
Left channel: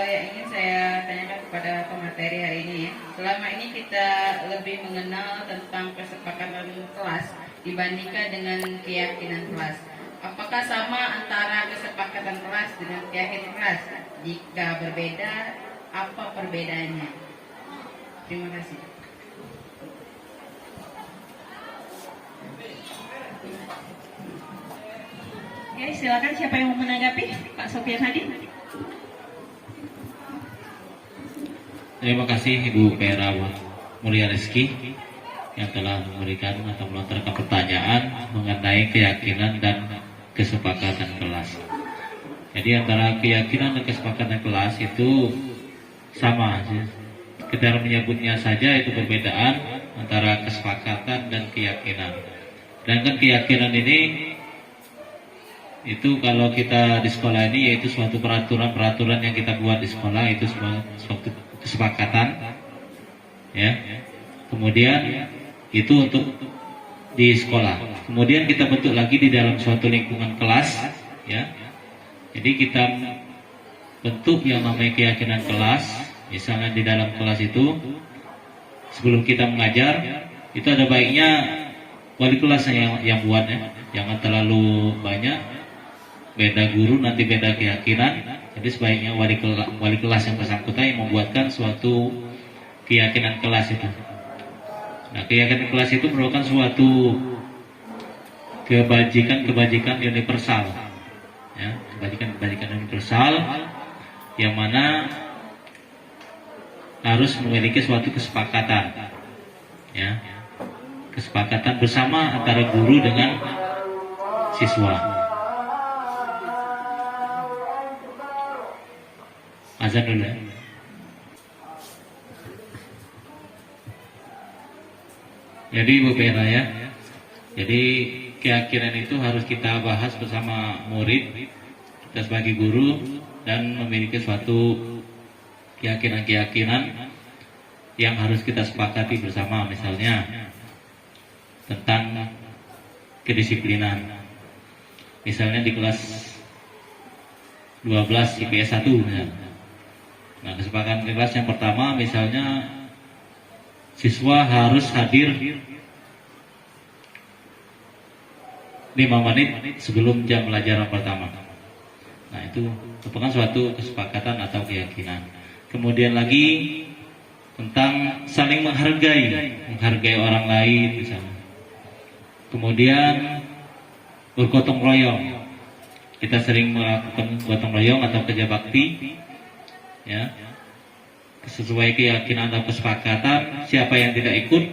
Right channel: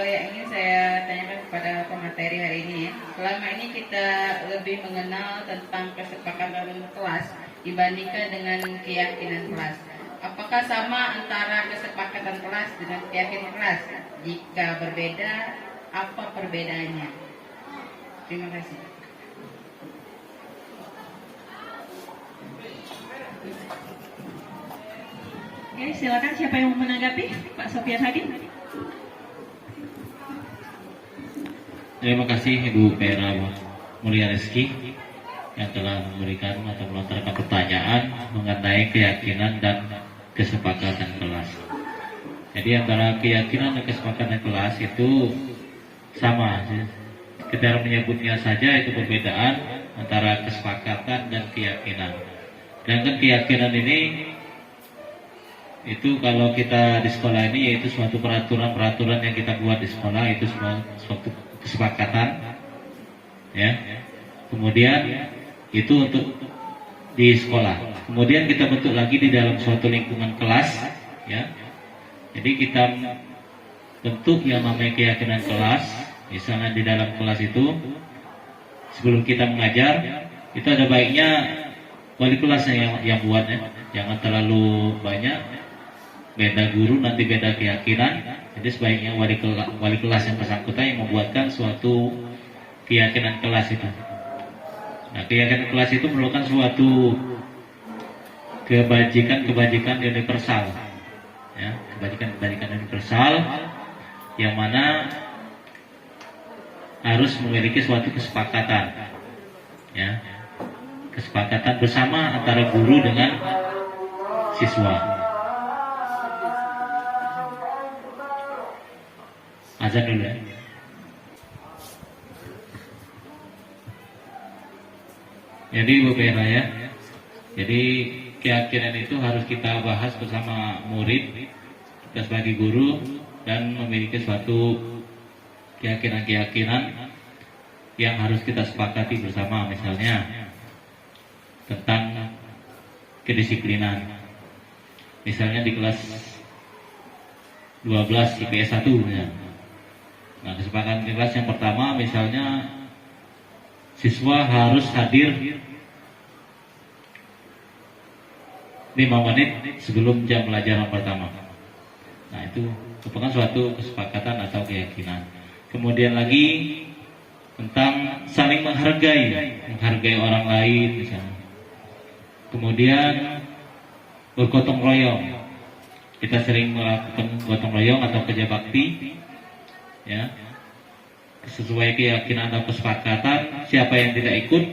Yang ingin saya tanyakan kepada pemateri hari ini, selama ini kita lebih mengenal tentang kesepakatan kelas dibandingkan dengan keyakinan kelas. Apakah sama antara kesepakatan kelas dengan keyakinan kelas? Jika berbeda, apa perbedaannya? Terima kasih. Oke, silakan siapa yang mau menanggapi? Pak Sofian Hadi. Terima kasih Ibu Vera Mulia Rizky yang telah memberikan atau melontarkan pertanyaan mengenai keyakinan dan kesepakatan kelas. Jadi antara keyakinan dan kesepakatan kelas itu sama. Kita menyebutnya saja itu perbedaan antara kesepakatan dan keyakinan. Sedangkan keyakinan ini itu kalau kita di sekolah ini yaitu suatu peraturan yang kita buat di sekolah, itu suatu kesepakatan ya. Kemudian itu untuk di sekolah. Kemudian kita bentuk lagi di dalam suatu lingkungan kelas ya. Jadi kita bentuk yang namanya keyakinan kelas. Misalnya di dalam kelas itu sebelum kita mengajar itu ada baiknya wali kelas yang buatnya, jangan terlalu banyak, beda guru nanti beda keyakinan. Jadi sebaiknya wali kelas yang bersangkutan yang membuatkan suatu keyakinan kelas itu. Nah, keyakinan kelas itu merupakan suatu kebajikan universal, ya, kebajikan universal yang mana harus memiliki suatu kesepakatan, ya, kesepakatan bersama antara guru dengan siswa. Azan dulu ya. Jadi Bu Vera ya, jadi keyakinan itu harus kita bahas bersama murid, kita sebagai guru, dan memiliki suatu keyakinan-keyakinan yang harus kita sepakati bersama. Misalnya tentang kedisiplinan, misalnya di kelas 12 IPS 1 ya. Nah, kesepakatan kelas yang pertama misalnya siswa harus hadir 5 menit sebelum jam pelajaran pertama. Nah, itu merupakan suatu kesepakatan atau keyakinan. Kemudian lagi tentang saling menghargai orang lain misalnya. Kemudian bergotong royong. Kita sering melakukan gotong royong atau kerja bakti, ya, sesuai keyakinan atau kesepakatan. Siapa yang tidak ikut,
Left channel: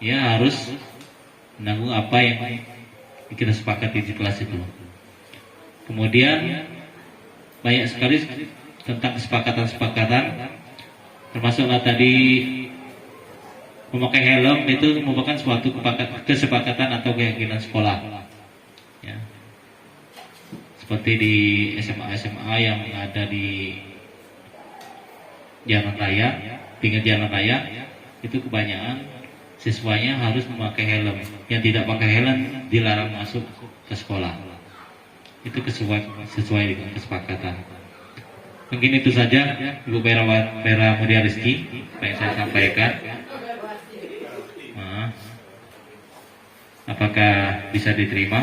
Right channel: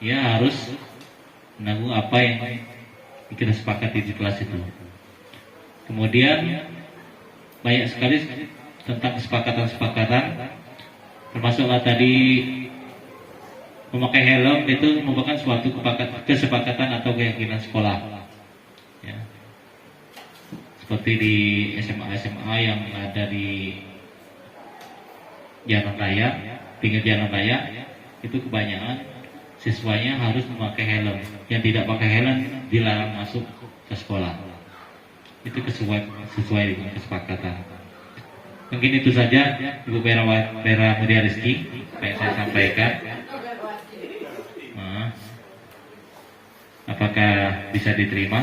ya harus menanggung apa yang kita sepakati di kelas itu. Kemudian banyak sekali tentang kesepakatan-kesepakatan, termasuklah tadi memakai helm itu merupakan suatu kesepakatan atau keyakinan sekolah. Ya. Seperti di SMA yang ada di jalan raya, pinggir jalan raya, itu kebanyakan siswanya harus memakai helm. Yang tidak pakai helm dilarang masuk ke sekolah. Itu sesuai dengan kesepakatan. Mungkin itu saja Ibu Vera Mulia Rizky yang saya sampaikan. Nah, apakah bisa diterima?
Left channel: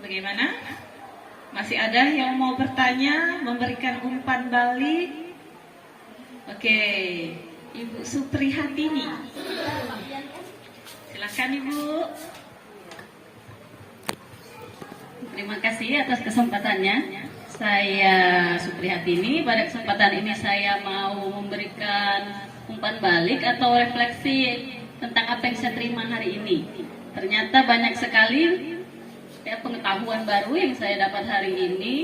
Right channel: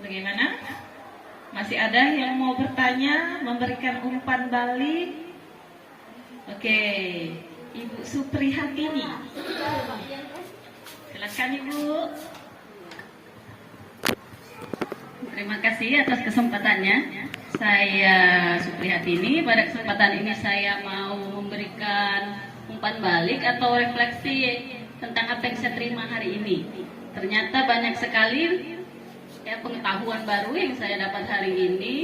Bagaimana? Masih ada yang mau bertanya, memberikan umpan balik? Oke, Ibu Suprihatini. Silakan Ibu. Terima kasih atas kesempatannya. Saya Suprihatini. Pada kesempatan ini saya mau memberikan umpan balik atau refleksi tentang apa yang saya terima hari ini. Ternyata banyak sekali pengetahuan baru yang saya dapat hari ini.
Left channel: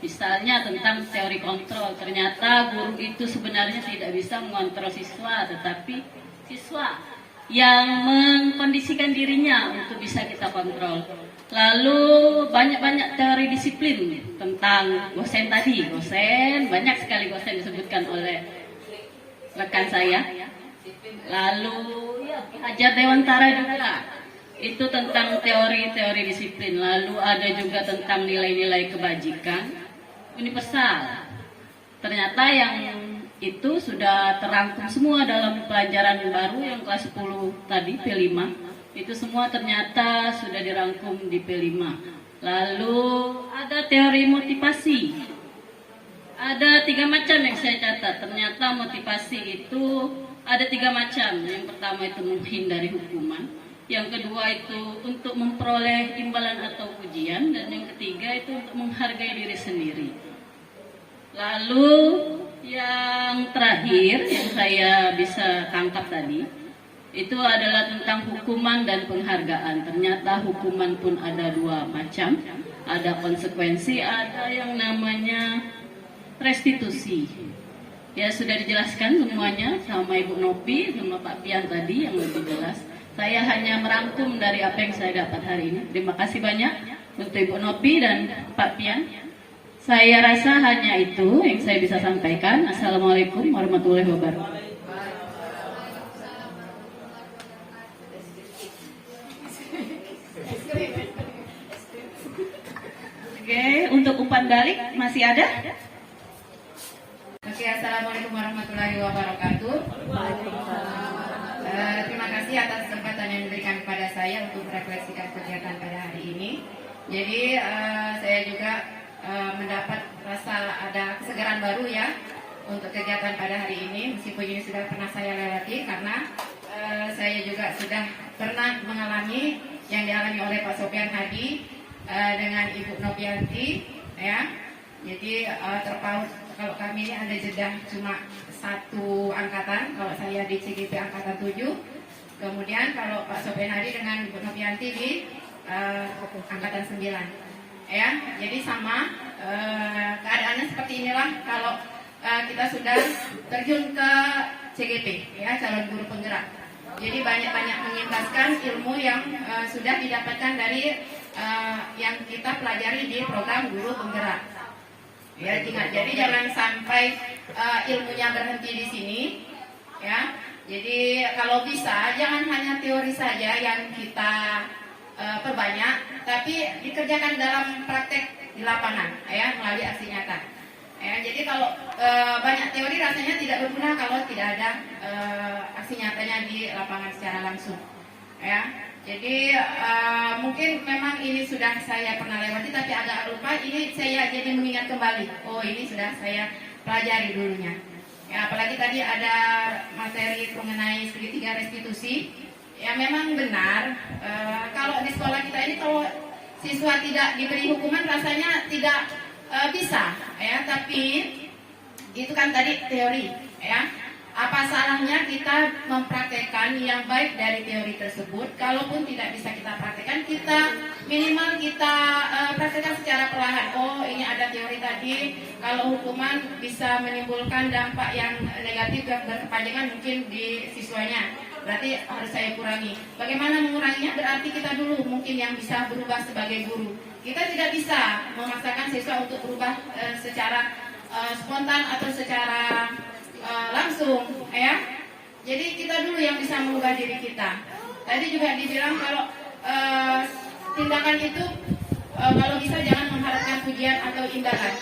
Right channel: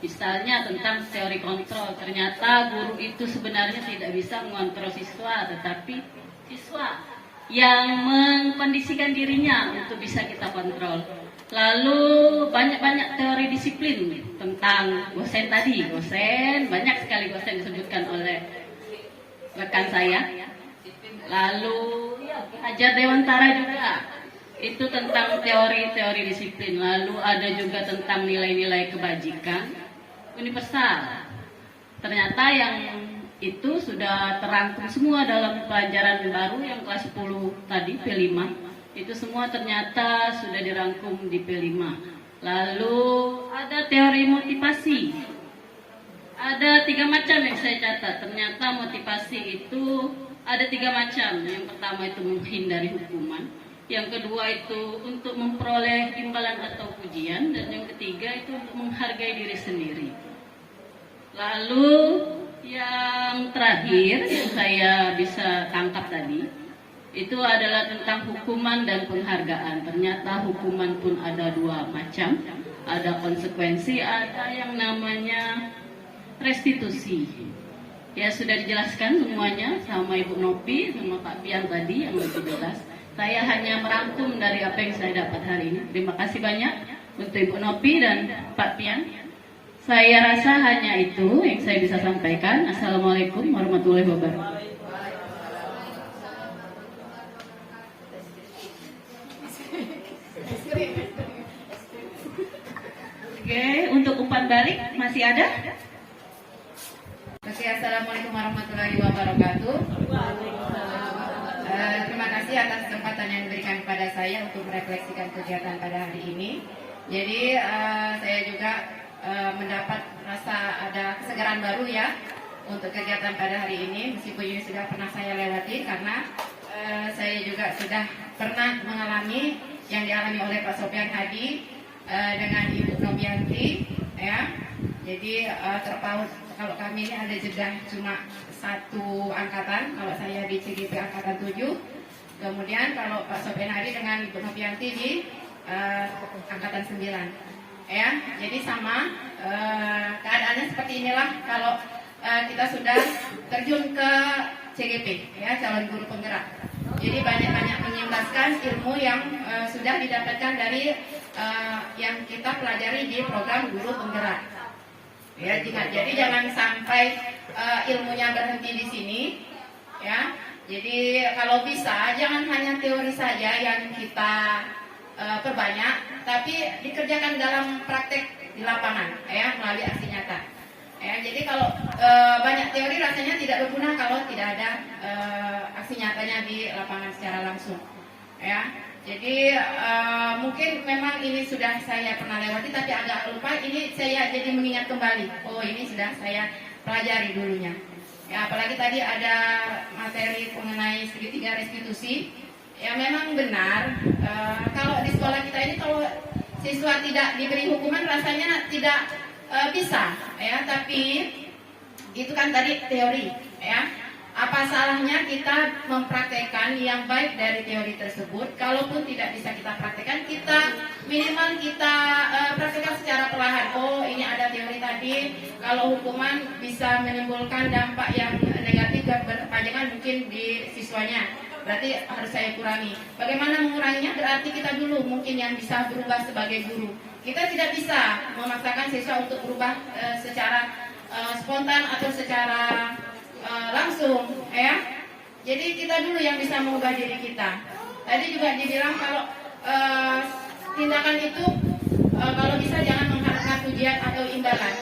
Misalnya tentang teori kontrol. Ternyata guru itu sebenarnya tidak bisa mengontrol siswa, tetapi siswa yang mengkondisikan dirinya untuk bisa kita kontrol. Lalu banyak-banyak teori disiplin tentang dosen tadi. Dosen, banyak sekali dosen disebutkan oleh rekan saya. Lalu Hajar Dewantara juga. Itu tentang teori-teori disiplin. Lalu ada juga tentang nilai-nilai kebajikan universal. Ternyata yang itu sudah terangkum semua dalam pelajaran baru yang kelas 10 tadi, P5. Itu semua ternyata sudah dirangkum di P5. Lalu ada teori motivasi. Ada 3 macam yang saya catat. Ternyata motivasi itu ada 3 macam. Yang pertama itu menghindari hukuman. Yang kedua itu untuk memperoleh imbalan atau pujian. Dan yang ketiga itu untuk menghargai diri sendiri. Lalu yang terakhir yang saya bisa tangkap tadi itu adalah tentang hukuman dan penghargaan. Ternyata hukuman pun ada 2 macam. Ada konsekuensi, ada yang namanya restitusi. Ya sudah dijelaskan semuanya sama Ibu Nopi sama Pak Pian tadi yang lebih jelas. Saya hanya merangkum dari apa yang saya dapat hari ini. Terima kasih banyak untuk Ibu Nopi dan Pak Pian. Saya rasa hanya itu yang saya bisa sampaikan. Assalamualaikum warahmatullahi wabarakatuh. Oke, untuk umpan balik masih ada? Oke, assalamualaikum warahmatullahi wabarakatuh. Terima kasih atas kesempatan yang diberikan kepada saya untuk merefleksikan kegiatan pada hari ini. Jadi saya juga mendapat rasa ada kesegaran baru ya untuk kegiatan pada hari ini, meskipun ini sudah pernah saya lewati karena saya juga sudah pernah mengalami yang dialami oleh Pak Sofian Hadi dengan Ibu Novianti ya. Jadi terpaut kalau kami ini ada jeda cuma 1 angkatan, kalau saya di CGP angkatan 7, kemudian kalau Pak Sofian Hadi dengan Ibu Novianti di angkatan 9. Ya, jadi sama keadaannya seperti inilah kalau kita sudah terjun ke CGP, ya calon guru penggerak. Jadi banyak-banyak mengimbaskan ilmu yang sudah didapatkan dari yang kita pelajari di program guru penggerak. Ya, jadi jangan sampai ilmunya berhenti di sini, ya. Jadi kalau bisa jangan hanya teori saja yang kita perbanyak, tapi dikerjakan dalam praktek di lapangan, ya, melalui aksi nyata. Ya, jadi kalau banyak teori rasanya tidak berguna kalau tidak ada aksi nyatanya di lapangan secara langsung. Ya, jadi mungkin memang ini sudah saya pernah lewati, tapi agak lupa. Ini saya jadi mengingat kembali. Oh, ini sudah saya pelajari dulunya. Ya, apalagi tadi ada materi mengenai segitiga restitusi. Ya memang benar, kalau di sekolah kita ini kalau siswa tidak diberi hukuman rasanya tidak bisa, ya. Tapi itu kan tadi teori, ya. Apa salahnya kita mempraktekkan yang baik dari teori tersebut? Kalaupun tidak bisa kita praktekkan, kita minimal kita praktekkan secara perlahan. Oh, ini ada teori tadi. Kalau hukuman bisa menimbulkan dampak yang negatif dan berkepanjangan mungkin di siswanya. Berarti harus saya kurangi. Bagaimana menguranginya? Berarti kita dulu mungkin yang bisa berubah sebagai guru. Kita tidak bisa memaksakan siswa untuk berubah secara spontan atau secara langsung, ya. Jadi kita dulu yang bisa mengubah diri kita. Tadi juga dibilang kalau tindakan itu kalau bisa jangan mengharapkan pujian atau imbalan.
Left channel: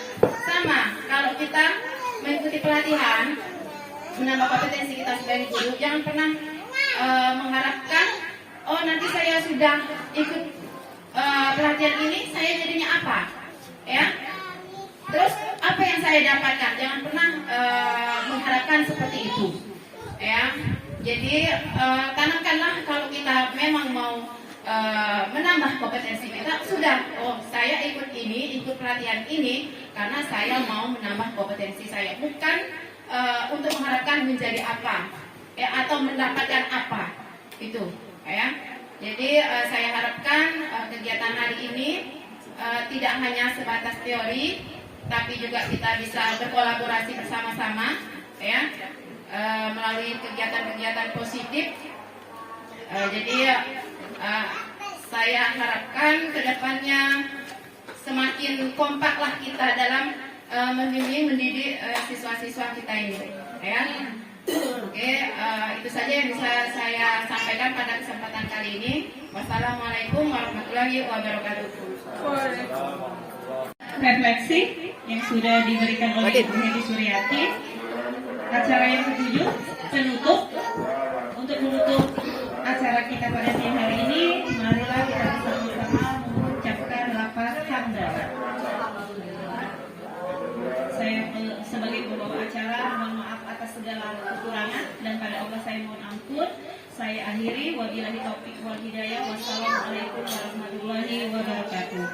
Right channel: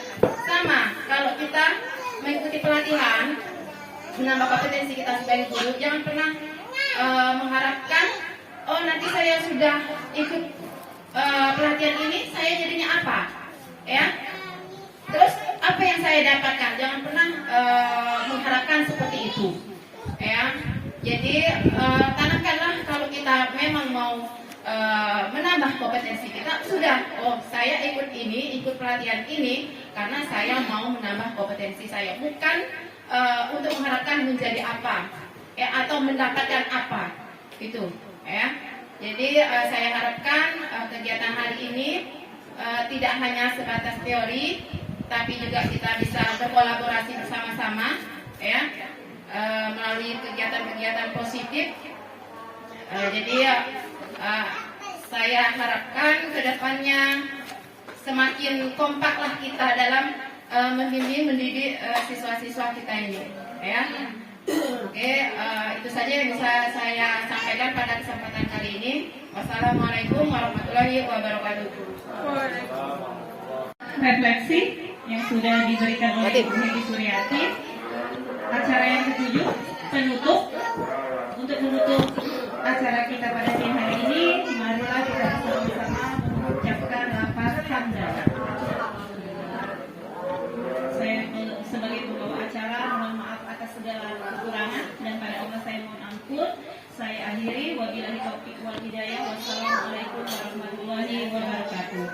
Sama, kalau kita mengikuti pelatihan menambah kompetensi kita sebagai guru, jangan pernah mengharapkan, oh nanti saya sudah ikut pelatihan ini, saya jadinya apa, ya? Terus apa yang saya dapatkan? Jangan pernah mengharapkan seperti itu. Ya, jadi tanamkanlah kalau kita memang mau menambah kompetensi kita, sudah, oh saya ikut ini, ikut pelatihan ini karena saya mau menambah kompetensi saya, bukan untuk mengharapkan menjadi apa, ya, atau mendapatkan apa, itu, ya. Jadi saya harapkan kegiatan hari ini tidak hanya sebatas teori, tapi juga kita bisa berkolaborasi bersama-sama, ya, melalui kegiatan-kegiatan positif. Jadi saya harapkan kedepannya semakin kompaklah kita dalam membimbing mendidik siswa-siswa kita ini, ya. Oke, itu saja yang bisa saya sampaikan pada kesempatan kali ini. Wassalamualaikum warahmatullahi wabarakatuh. Refleksi yang sudah diberikan oleh Ibu Hedi Suryati. Acara yang ketujuh, penutup. Untuk menutup acara kita pada siang hari ini, marilah kita bersama-sama mengucapkan lafaz hamdalah. Saya sebagai pembawa acara mohon maaf atas segala kekurangan dan pada Allah saya mohon ampun. Saya akhiri, wabillahi taufiq wal hidayah. Wassalamualaikum warahmatullahi wabarakatuh.